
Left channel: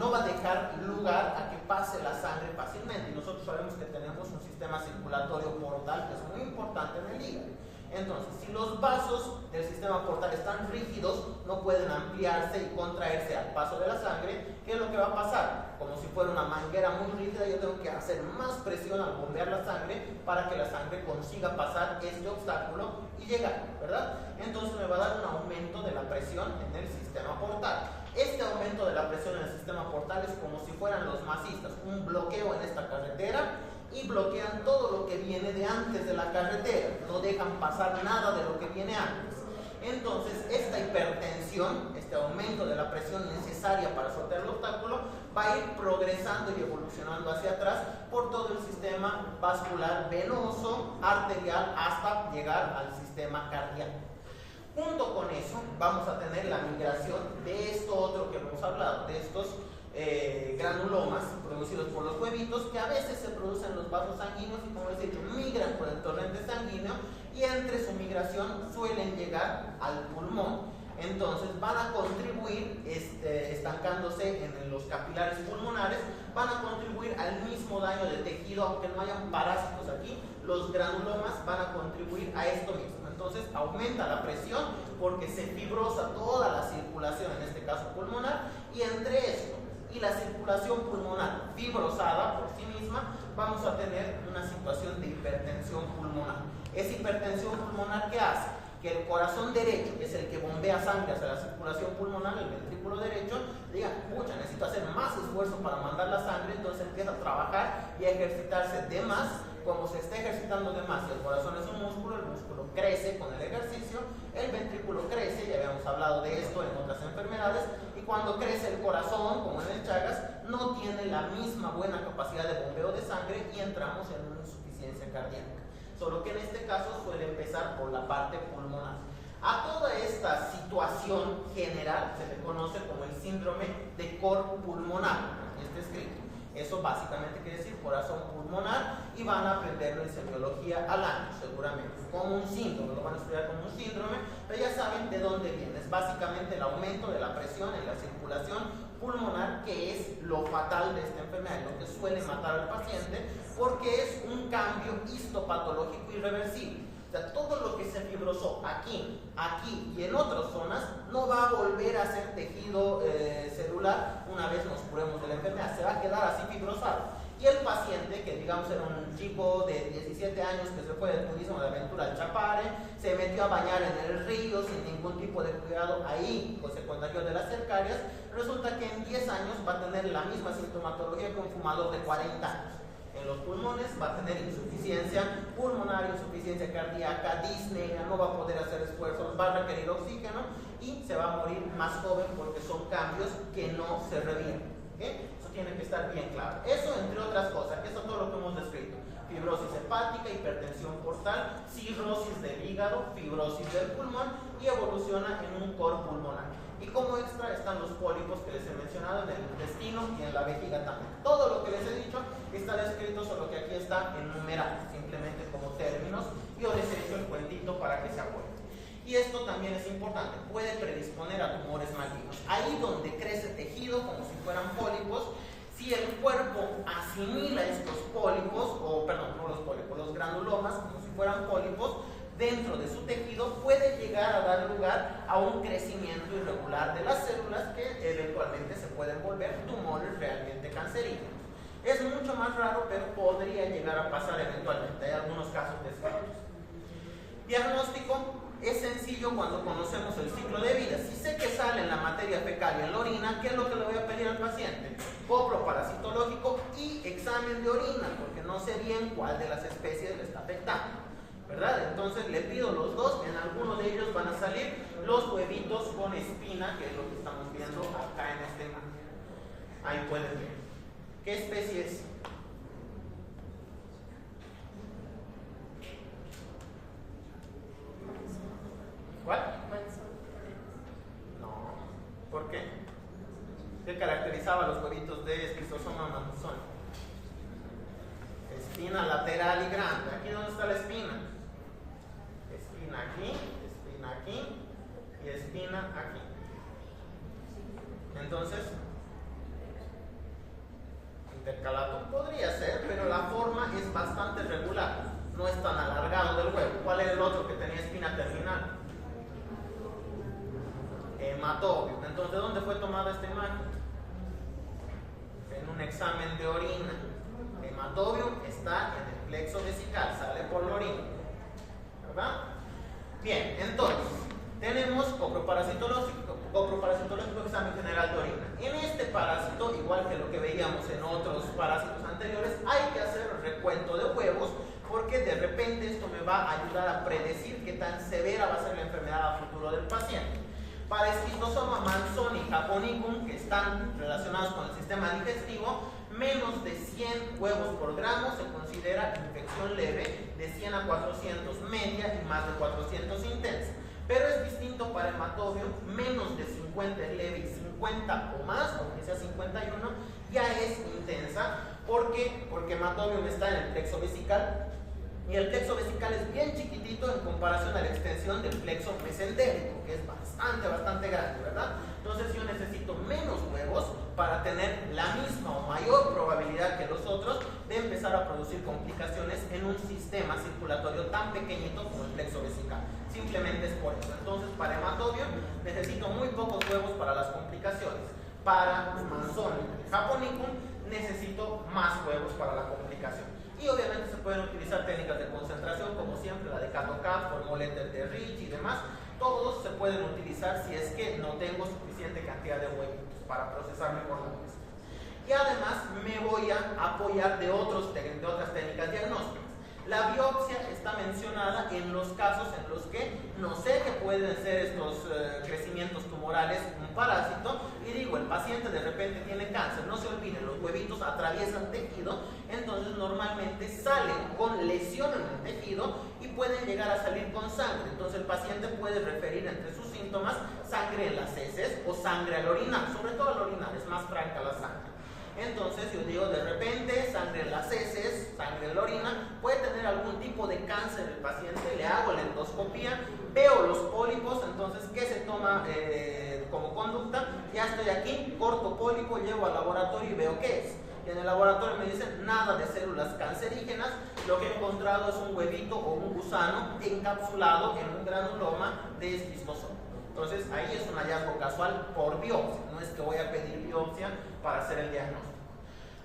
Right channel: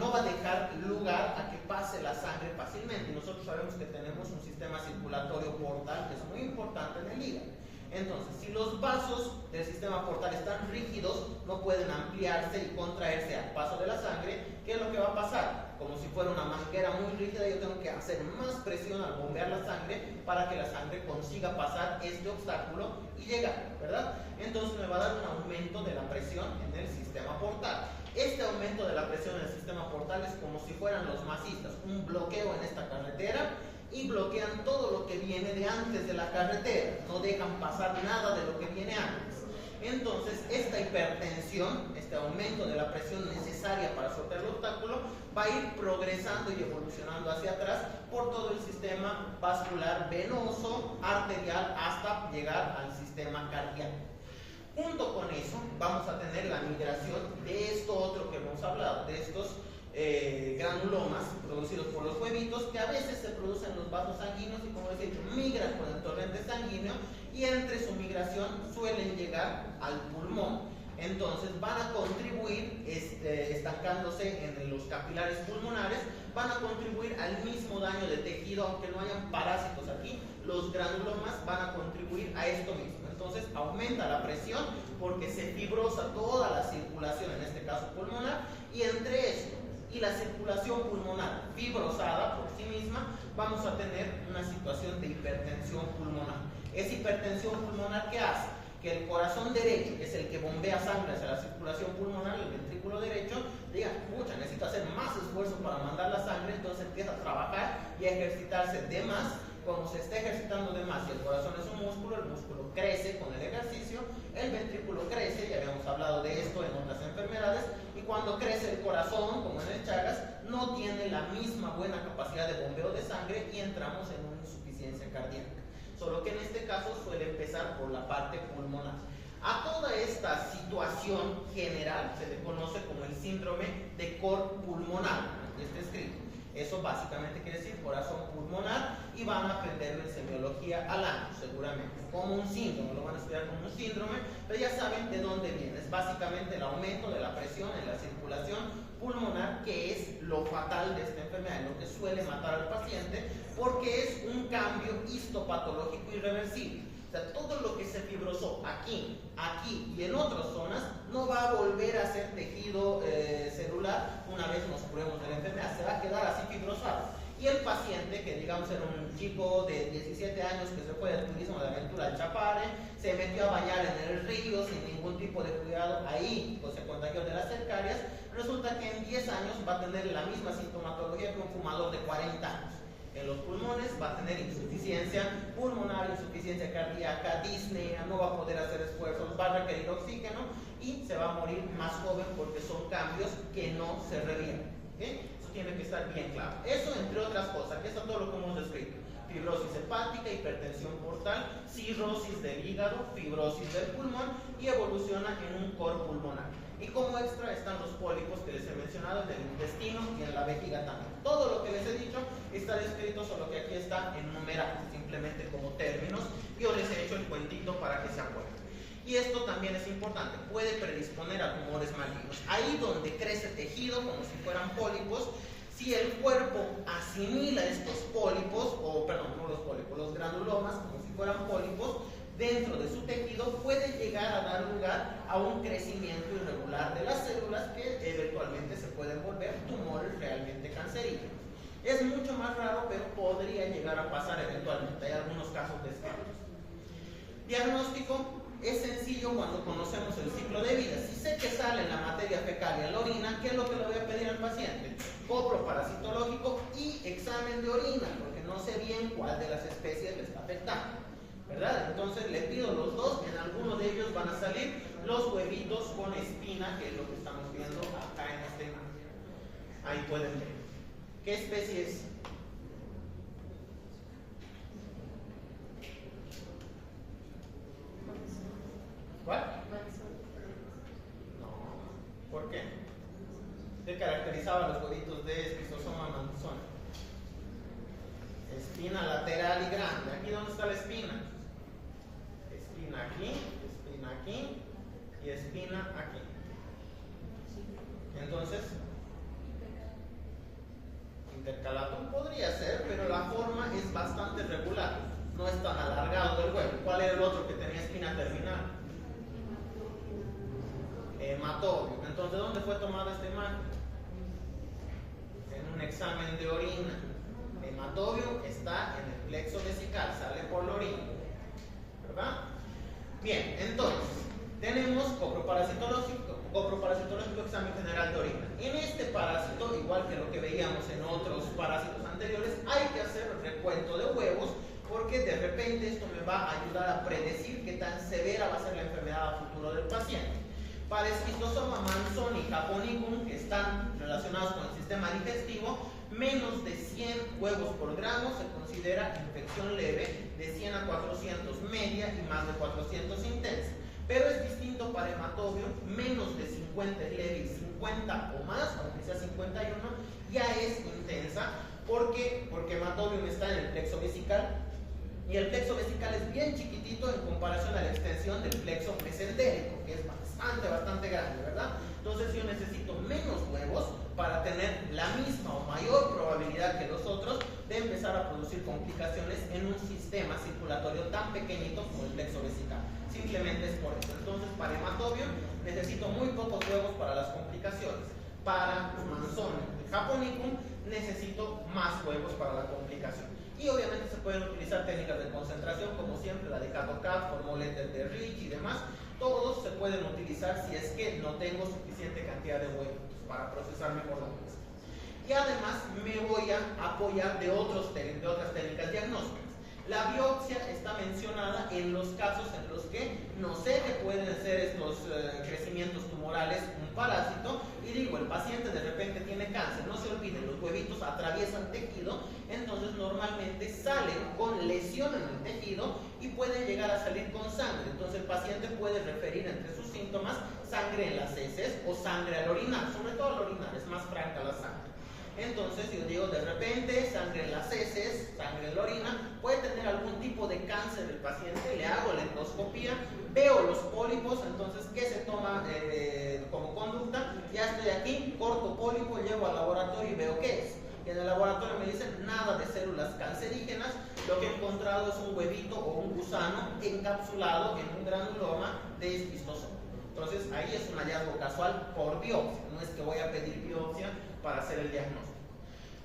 no va a dejar lugar a que pase la sangre fácilmente. Y nosotros sabemos que tenemos un sistema circulatorio portal que es muy importante en el hígado. Entonces, si los vasos del sistema portal están rígidos, no pueden ampliarse y contraerse al paso de la sangre. ¿Qué es lo que va a pasar? Como si fuera una manguera muy rígida, yo tengo que hacer más presión al bombear la sangre para que la sangre consiga pasar este obstáculo y llegar, ¿verdad? Entonces me va a dar un aumento de la presión en el sistema portal. Este aumento de la presión en el sistema portal es como si fueran los masistas, un bloqueo en esta carretera, y bloquean todo lo que viene de antes de la carretera, no dejan pasar nada de lo que viene antes. Entonces esta hipertensión, este aumento de la presión necesaria para sortear el obstáculo, va a ir progresando y evolucionando hacia atrás por todo el sistema vascular venoso, arterial, hasta llegar al sistema cardíaco. Junto con eso vamos a tener la migración de esto otro que hemos hablado, de estos granulomas producidos por los huevitos, que a veces se producen en los vasos sanguíneos y, como he dicho, migran por el torrente sanguíneo, y entre su migración suelen llegar al pulmón. Entonces van a contribuir, estancándose en los capilares pulmonares, van a contribuir al mismo daño de tejido, aunque no hayan parásitos aquí. Los granulomas van a contribuir a esto mismo. Entonces aumenta la presión porque se fibrosa toda la circulación, en este caso pulmonar, y entre esto y la circulación pulmonar fibrosada por sí misma, vamos a tener una situación de hipertensión pulmonar. Esa hipertensión pulmonar, ¿qué hace? Que el corazón derecho, que es el que bombea sangre hacia la circulación pulmonar, el ventrículo derecho, diga: pucha, necesito hacer más esfuerzo para mandar la sangre. Entonces empieza a trabajar y a ejercitarse de más. Como se está ejercitando de más y el corazón es un músculo, el músculo crece con el ejercicio, el ventrículo crece, ya habíamos hablado de esto en otras enfermedades, y cuando crece el corazón, como en el Chagas, no tiene la misma buena capacidad de bombeo de sangre y entramos en una insuficiencia cardíaca. Solo que en este caso suele empezar por la parte pulmonar. A toda esta situación general se le conoce como el síndrome de cor pulmonar. Aquí está escrito. Eso básicamente quiere decir corazón pulmonar, y van a aprenderlo en semiología al año, seguramente, como un síndrome, lo van a estudiar como un síndrome, pero ya saben de dónde viene. Es básicamente el aumento de la presión en la circulación pulmonar, que es lo fatal de esta enfermedad, lo que suele matar al paciente, porque es un cambio histopatológico irreversible. O sea, todo lo que se fibrosó aquí y en otras zonas no va a volver a ser tejido celular una vez nos curemos de la enfermedad, se va a quedar así fibrosado. Y el paciente, que digamos era un chico de 17 años que se fue del turismo de aventura al Chapare, se metió a bañar en el río sin ningún tipo de cuidado ahí, pues se contagió de las cercarias, resulta que en 10 años va a tener la misma sintomatología que un fumador de 40 años. En los pulmones va a tener insuficiencia pulmonar, insuficiencia cardíaca, disnea, no va a poder hacer esfuerzos, va a requerir oxígeno y se va a morir más joven porque son cambios que no se revierten. ¿Okay? Eso tiene que estar bien claro. Eso entre otras cosas, eso es todo lo que hemos descrito. Fibrosis hepática, hipertensión portal, cirrosis del hígado, fibrosis del pulmón y evoluciona en un cor pulmonar. Y como extra están los pólipos que les he mencionado en el intestino y en la vejiga también. Todo lo que les he dicho está descrito, solo que aquí está enumerado, simplemente como términos. Yo les he hecho el cuentito para que se acuerden. Y esto también es importante, puede predisponer a tumores malignos. Ahí donde crece tejido, como si fueran pólipos, si el cuerpo asimila estos pólipos, los granulomas, como si fueran pólipos, dentro de su tejido, puede llegar a dar lugar a un crecimiento irregular de las células que eventualmente se pueden volver tumores realmente cancerígenos. Es mucho más raro, pero podría llegar a pasar eventualmente. Hay algunos casos de estudios. Diagnóstico es sencillo cuando conocemos el ciclo de vida. Si sé que sale en la materia fecal y en la orina, ¿qué es lo que le voy a pedir al paciente? Copro parasitológico y examen de orina, porque no sé bien cuál de las especies le está afectando, ¿verdad? Entonces le pido los dos, en alguno de ellos van a salir los huevitos con espina, que es lo que estamos viendo acá en este imagen. Ahí pueden ver. ¿Qué especie es? ¿Cuál? No. ¿Por qué? ¿Qué caracterizaba los huevitos de Schistosoma manzoni? Espina lateral y grande. ¿Aquí dónde está la espina? Espina aquí y espina aquí. Entonces, intercalatum podría ser, pero la forma es bastante regular. No es tan alargado del huevo. ¿Cuál era el otro que tenía espina terminal? Hematobio. Entonces, ¿dónde fue tomada esta imagen? En un examen de orina. Hematobio está en el plexo vesical, sale por la orina, ¿verdad? Bien, entonces, tenemos coproparasitológico, examen general de orina. En este parásito, igual que lo que veíamos en otros parásitos anteriores, hay que hacer el recuento de huevos, porque de repente esto me va a ayudar a predecir qué tan severa va a ser la enfermedad a futuro del paciente. Para Schistosoma manzoni y Japonicum, que están relacionados con el sistema digestivo, menos de 100 huevos por gramo se considera infección leve, de 100 a 400 media y más de 400 intensa. Pero es distinto para hematobio, menos de 50 es leve y 50 o más, aunque sea 51, ya es intensa. ¿Por qué? Porque hematobio está en el plexo vesical, y el plexo vesical es bien chiquitito en comparación a la extensión del plexo mesentérico, que es bastante grande, ¿verdad? Entonces yo necesito menos huevos para tener la misma o mayor probabilidad que los otros de empezar a producir complicaciones en un sistema circulatorio tan pequeñito como el plexo vesical. Simplemente es por eso. Entonces, para hematobio necesito muy pocos huevos para las complicaciones. Para manzoni y Japonicum necesito más huevos para la complicación. Y obviamente se pueden utilizar técnicas de concentración, como siempre, la de Cato-Cat, Formol-Ether de Rich y demás. Todos se pueden utilizar si es que no tengo suficiente cantidad de huevos para procesar mejor la muestra. Y además me voy a apoyar de otras técnicas diagnósticas. La biopsia está mencionada en los casos en los que no sé que pueden ser estos crecimientos tumorales un parásito, y digo, el paciente de repente tiene cáncer, no se olviden, los huevitos atraviesan tejido, entonces normalmente salen con lesión en el tejido y pueden llegar a salir con sangre. Entonces el paciente puede referir entre sus síntomas sangre en las heces o sangre al orinar, sobre todo al orinar, es más franca la sangre. Entonces yo digo, de repente, sangre en las heces, sangre en la orina, puede tener algún tipo de cáncer el paciente, le hago la endoscopía, veo los pólipos, entonces, ¿qué se toma como conducta? Ya estoy aquí, corto pólipo, llevo al laboratorio y veo qué es. Y en el laboratorio me dicen nada de células cancerígenas, lo que he encontrado es un huevito o un gusano encapsulado en un granuloma de Schistosoma. Entonces ahí es un hallazgo casual por biopsia, no es que voy a pedir biopsia para hacer el diagnóstico.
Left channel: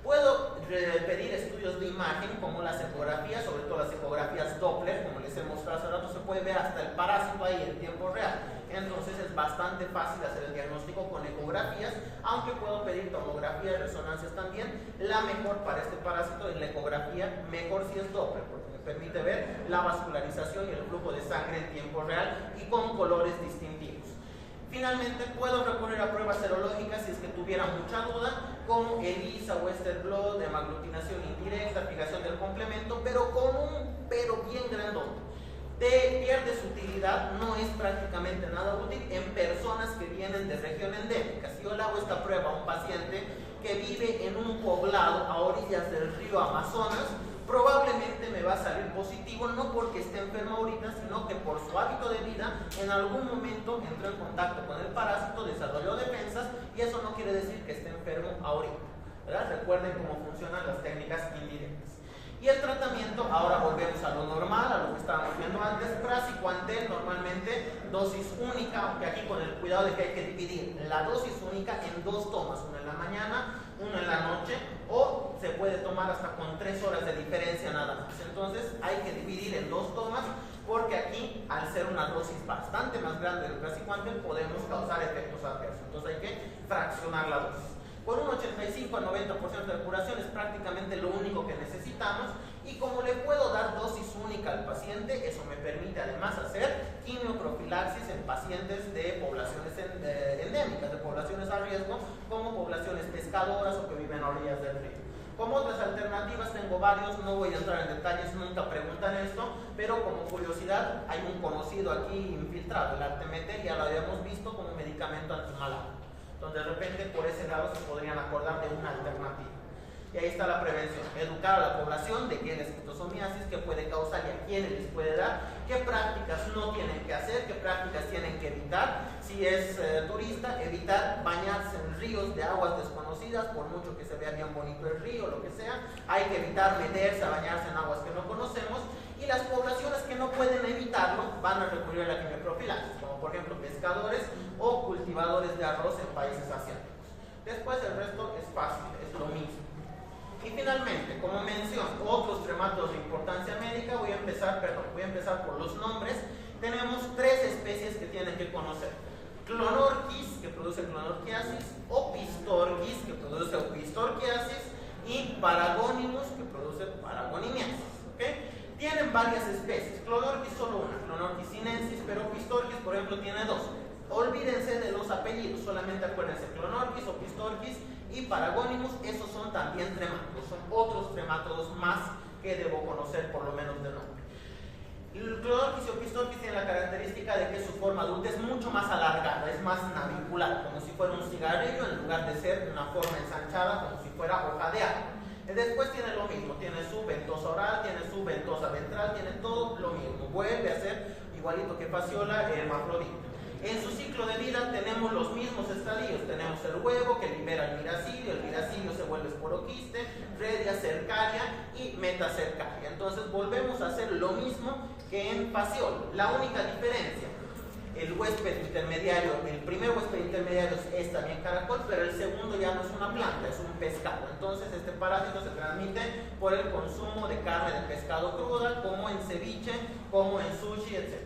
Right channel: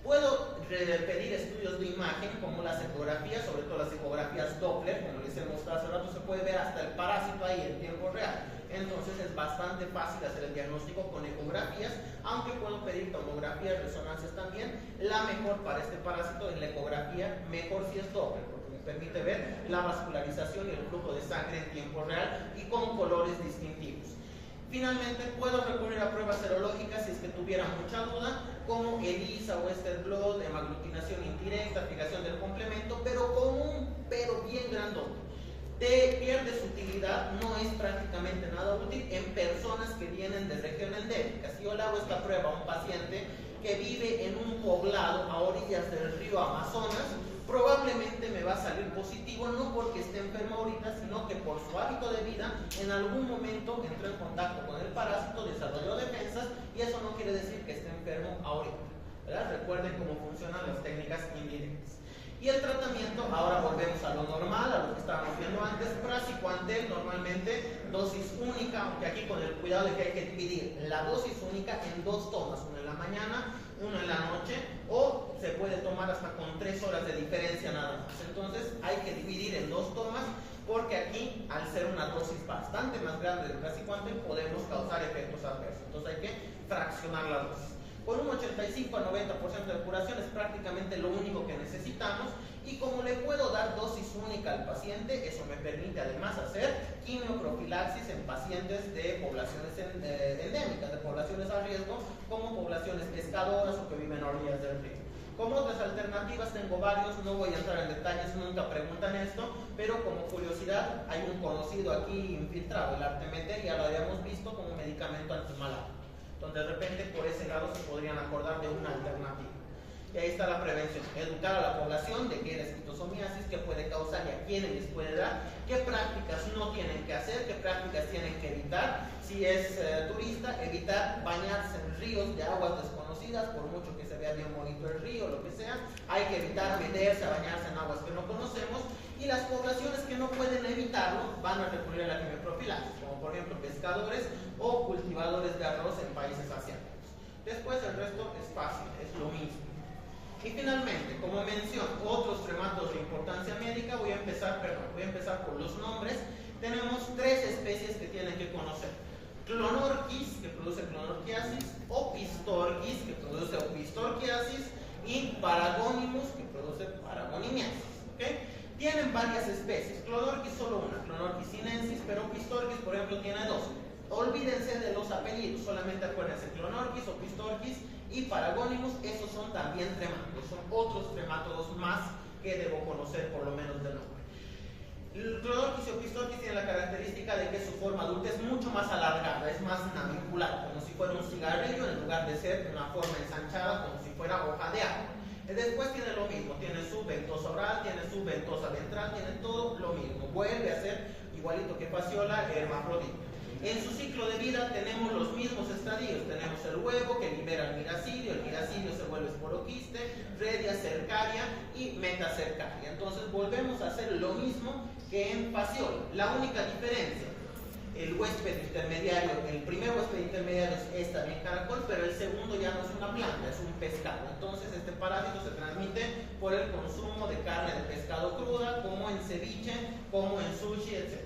Puedo pedir estudios de imagen como las ecografías, sobre todo las ecografías Doppler, como les he mostrado hace rato, se puede ver hasta el parásito ahí en tiempo real. Entonces es bastante fácil hacer el diagnóstico con ecografías, aunque puedo pedir tomografías, resonancias también. La mejor para este parásito en la ecografía, mejor si es Doppler, porque me permite ver la vascularización y el flujo de sangre en tiempo real y con colores distintivos. Finalmente, puedo recurrir a pruebas serológicas si es que tuviera mucha duda, como ELISA, Western blot, hemaglutinación indirecta, fijación del complemento, pero con un pero bien grandote. Pierde su utilidad, no es prácticamente nada útil en personas que vienen de región endémica. Si yo le hago esta prueba a un paciente que vive en un poblado a orillas del río Amazonas, probablemente me va a salir positivo, no porque esté enfermo ahorita, sino que por su hábito de vida, en algún momento entró en contacto con el parásito, desarrolló defensas, y eso no quiere decir que esté enfermo ahorita, ¿verdad? Recuerden cómo funcionan las técnicas indirectas. Y el tratamiento, ahora volvemos a lo normal, a lo que estábamos viendo antes, praziquantel, normalmente dosis única, aunque aquí con el cuidado de que hay que dividir la dosis única en 2 tomas, una en la mañana uno en la noche, o se puede tomar hasta con 3 horas de diferencia nada más. Entonces hay que dividir en 2 tomas, porque aquí, al ser una dosis bastante más grande del praziquantel, podemos causar efectos adversos. Entonces hay que fraccionar la dosis. Con un 85 a 90% de curación es prácticamente lo único que necesitamos, y como le puedo dar dosis única al paciente, eso me permite además hacer quimioprofilaxis en pacientes de poblaciones endémicas, de poblaciones a riesgo, como poblaciones pescadoras o que viven a orillas del río. Como otras alternativas tengo varios, no voy a entrar en detalles, nunca preguntan esto, pero como curiosidad, hay un conocido aquí infiltrado, el artemeter, ya lo habíamos visto como medicamento antimalárico. Entonces de repente por ese lado se podrían acordar de una alternativa. Y ahí está la prevención, educar a la población de qué es la esquistosomiasis, qué puede causar y a quiénes les puede dar, qué prácticas no tienen que hacer, qué prácticas tienen que evitar. Si es turista, evitar bañarse en ríos de aguas desconocidas, por mucho que se vea bien bonito el río, lo que sea. Hay que evitar meterse a bañarse en aguas que no conocemos, y las poblaciones que no pueden evitarlo van a recurrir a la quimioprofilaxis, como por ejemplo pescadores o cultivadores de arroz en países asiáticos. Después el resto es fácil, es lo mismo. Y finalmente, como mención, otros trematos de importancia médica, voy a empezar por los nombres. Tenemos 3 especies que tienen que conocer: Clonorchis, que produce clonorchiasis, Opistorchis, que produce opistorchiasis, y Paragonimus, que produce paragonimiasis. ¿Okay? Tienen varias especies. Clonorchis solo una, Clonorchis sinensis, pero Opistorchis, por ejemplo, tiene 2. Olvídense de los apellidos, solamente acuérdense: Clonorchis, Opistorchis y Paragonimus. Esos son también tremátodos, son otros tremátodos más que debo conocer por lo menos de nombre. El Clonorchis y Opistorchis tienen la característica de que su forma adulta es mucho más alargada, es más navicular, como si fuera un cigarrillo en lugar de ser una forma ensanchada, como si fuera hoja de agua. Después tiene lo mismo, tiene su ventosa oral, tiene su ventosa ventral, tiene todo lo mismo, vuelve a ser igualito que Phaseola, hermafrodita. En su ciclo de vida tenemos los mismos estadios. Tenemos el huevo que libera el miracidio se vuelve esporoquiste, redia cercaria y metacercaria. Entonces volvemos a hacer lo mismo que en Phaseola. La única diferencia: el huésped intermediario, el primer huésped intermediario es también caracol, pero el segundo ya no es una planta, es un pescado. Entonces este parásito se transmite por el consumo de carne de pescado cruda, como en ceviche, como en sushi, etc.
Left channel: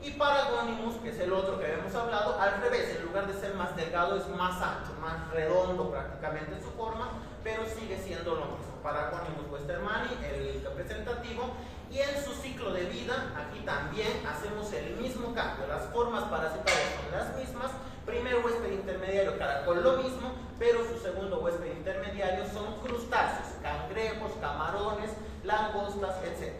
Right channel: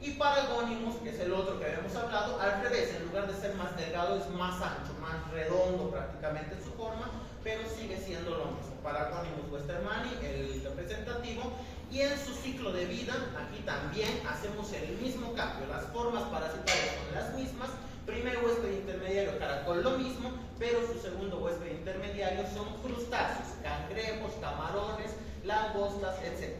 Y Paragonimus, que es el otro que habíamos hablado, al revés, en lugar de ser más delgado es más ancho, más redondo prácticamente en su forma, pero sigue siendo lo mismo. Paragonimus westermanni, el representativo, y en su ciclo de vida, aquí también hacemos el mismo cambio, las formas parasitarias son las mismas. Primer huésped intermediario, caracol, lo mismo, pero su segundo huésped intermediario son crustáceos, cangrejos, camarones, langostas, etc.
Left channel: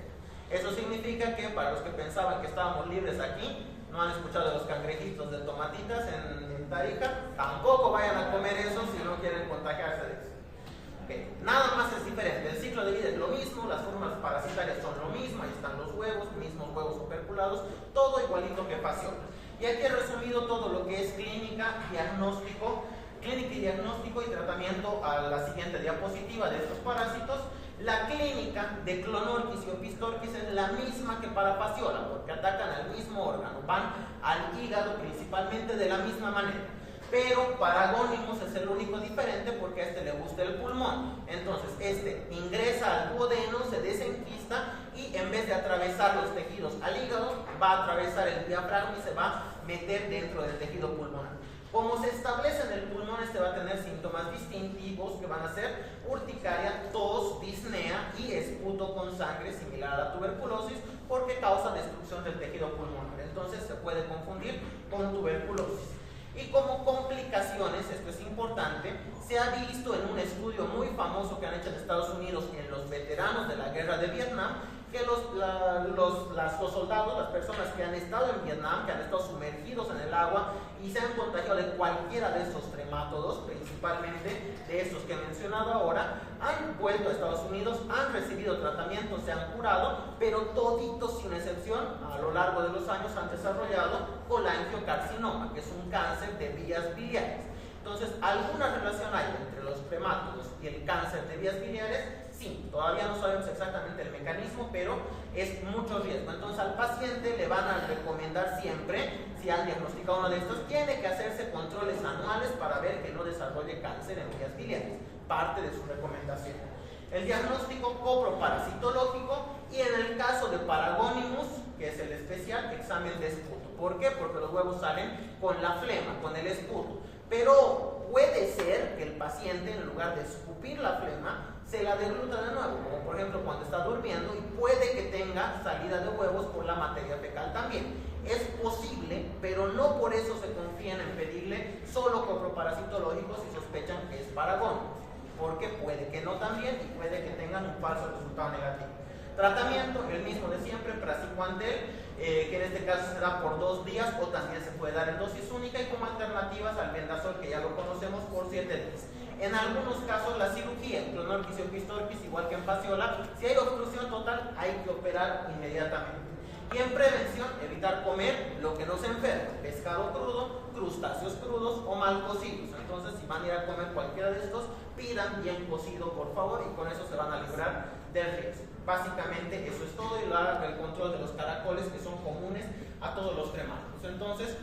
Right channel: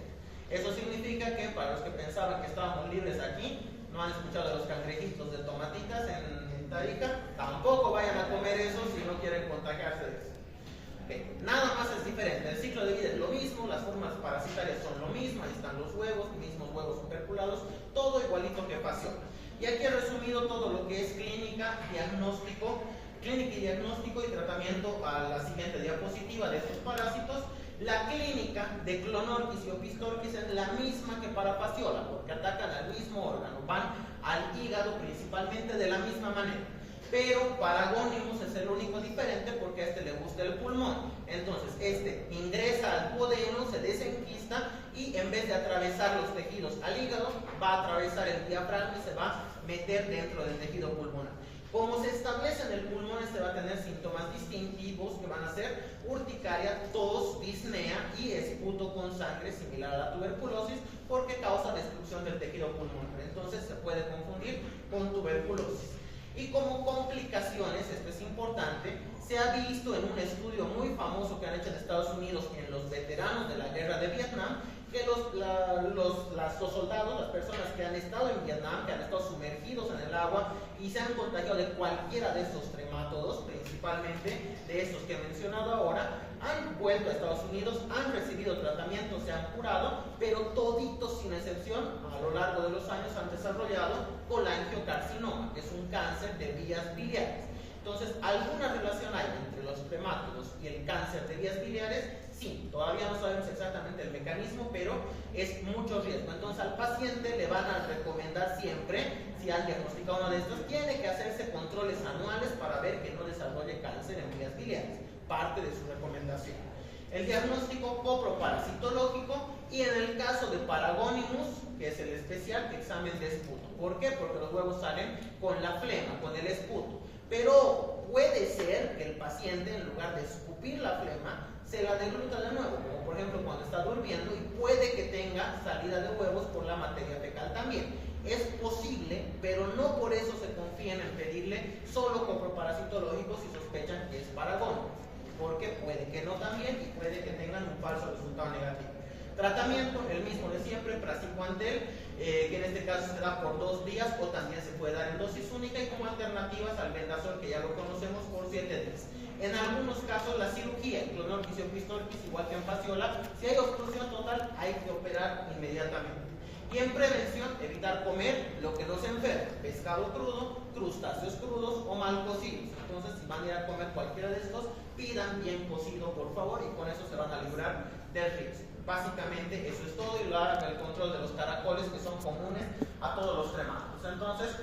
Eso significa que para los que pensaban que estábamos libres aquí, no han escuchado de los cangrejitos de tomatitas en Tarija, tampoco vayan a comer eso si no quieren contagiarse de eso. Okay. Nada más es diferente, el ciclo de vida es lo mismo, las formas parasitarias son lo mismo, ahí están los huevos, mismos huevos operculados, todo igualito que Phaseola. Y aquí he resumido todo lo que es clínica y diagnóstico y tratamiento a la siguiente diapositiva de estos parásitos. La clínica de Clonorchis y Opistorchis es la misma que para Phaseola, porque atacan al mismo órgano, van al hígado principalmente de la misma manera. Pero Paragonimus es el único diferente porque a este le gusta el pulmón. Entonces este ingresa al duodeno, se desenquista y en vez de atravesar los tejidos al hígado, va a atravesar el diafragma y se va a meter dentro del tejido pulmonar. Como se establece en el pulmón, este va a tener síntomas distintivos que van a ser urticaria, tos, disnea y esputo con sangre similar a la tuberculosis, porque causa destrucción del tejido pulmonar. Entonces se puede confundir con tuberculosis. Y como complicaciones, esto es importante, se ha visto en un estudio muy famoso que han hecho en Estados Unidos en los veteranos de la guerra de Vietnam, que los soldados, las personas que han estado en Vietnam, que han estado sumergidos en el agua y se han contagiado de cualquiera de estos tremátodos, principalmente de estos que he mencionado ahora, han vuelto a Estados Unidos, han recibido tratamiento, se han curado, pero toditos sin excepción a lo largo de los años han desarrollado colangiocarcinoma, que es un cáncer de vías biliares. Entonces, ¿alguna relación hay entre los tremátodos y el cáncer de vías biliares? Sí, todavía no sabemos exactamente el mecanismo, pero es mucho riesgo. Entonces al paciente le van a recomendar siempre, si han diagnosticado uno de estos, tiene que hacerse controles anuales para ver que no desarrolle cáncer en vías biliares. parte de su recomendación. El diagnóstico coproparasitológico y en el caso de Paragonimus, que es el especial, examen de esputo. ¿Por qué? Porque los huevos salen con la flema, con el esputo. Pero puede ser que el paciente, en lugar de escupir la flema, se la degluta de nuevo, como por ejemplo cuando está durmiendo, y puede que tenga salida de huevos por la materia fecal también. Es posible, pero no por eso se confían en pedirle solo coproparasitológicos si sospechan que es Paragonimus, porque puede que no también y puede que tengan un falso resultado negativo. Tratamiento, el mismo de siempre, praziquantel, que en este caso será por 2 días o también se puede dar en dosis única y como alternativas al vendasol, que ya lo conocemos, por 7 días. En algunos casos la cirugía, clonorquis y opistorquis, igual que en fasciola, si hay obstrucción total hay que operar inmediatamente. Y en prevención, evitar comer lo que nos enferma, pescado crudo, crustáceos crudos o mal cocidos. Entonces, si van a ir a comer cualquiera de estos, pidan bien cocido, por favor, y con eso se van a librar del riesgo. Básicamente eso es todo, y el control de los caracoles, que son comunes a todos los tremáticos. Entonces,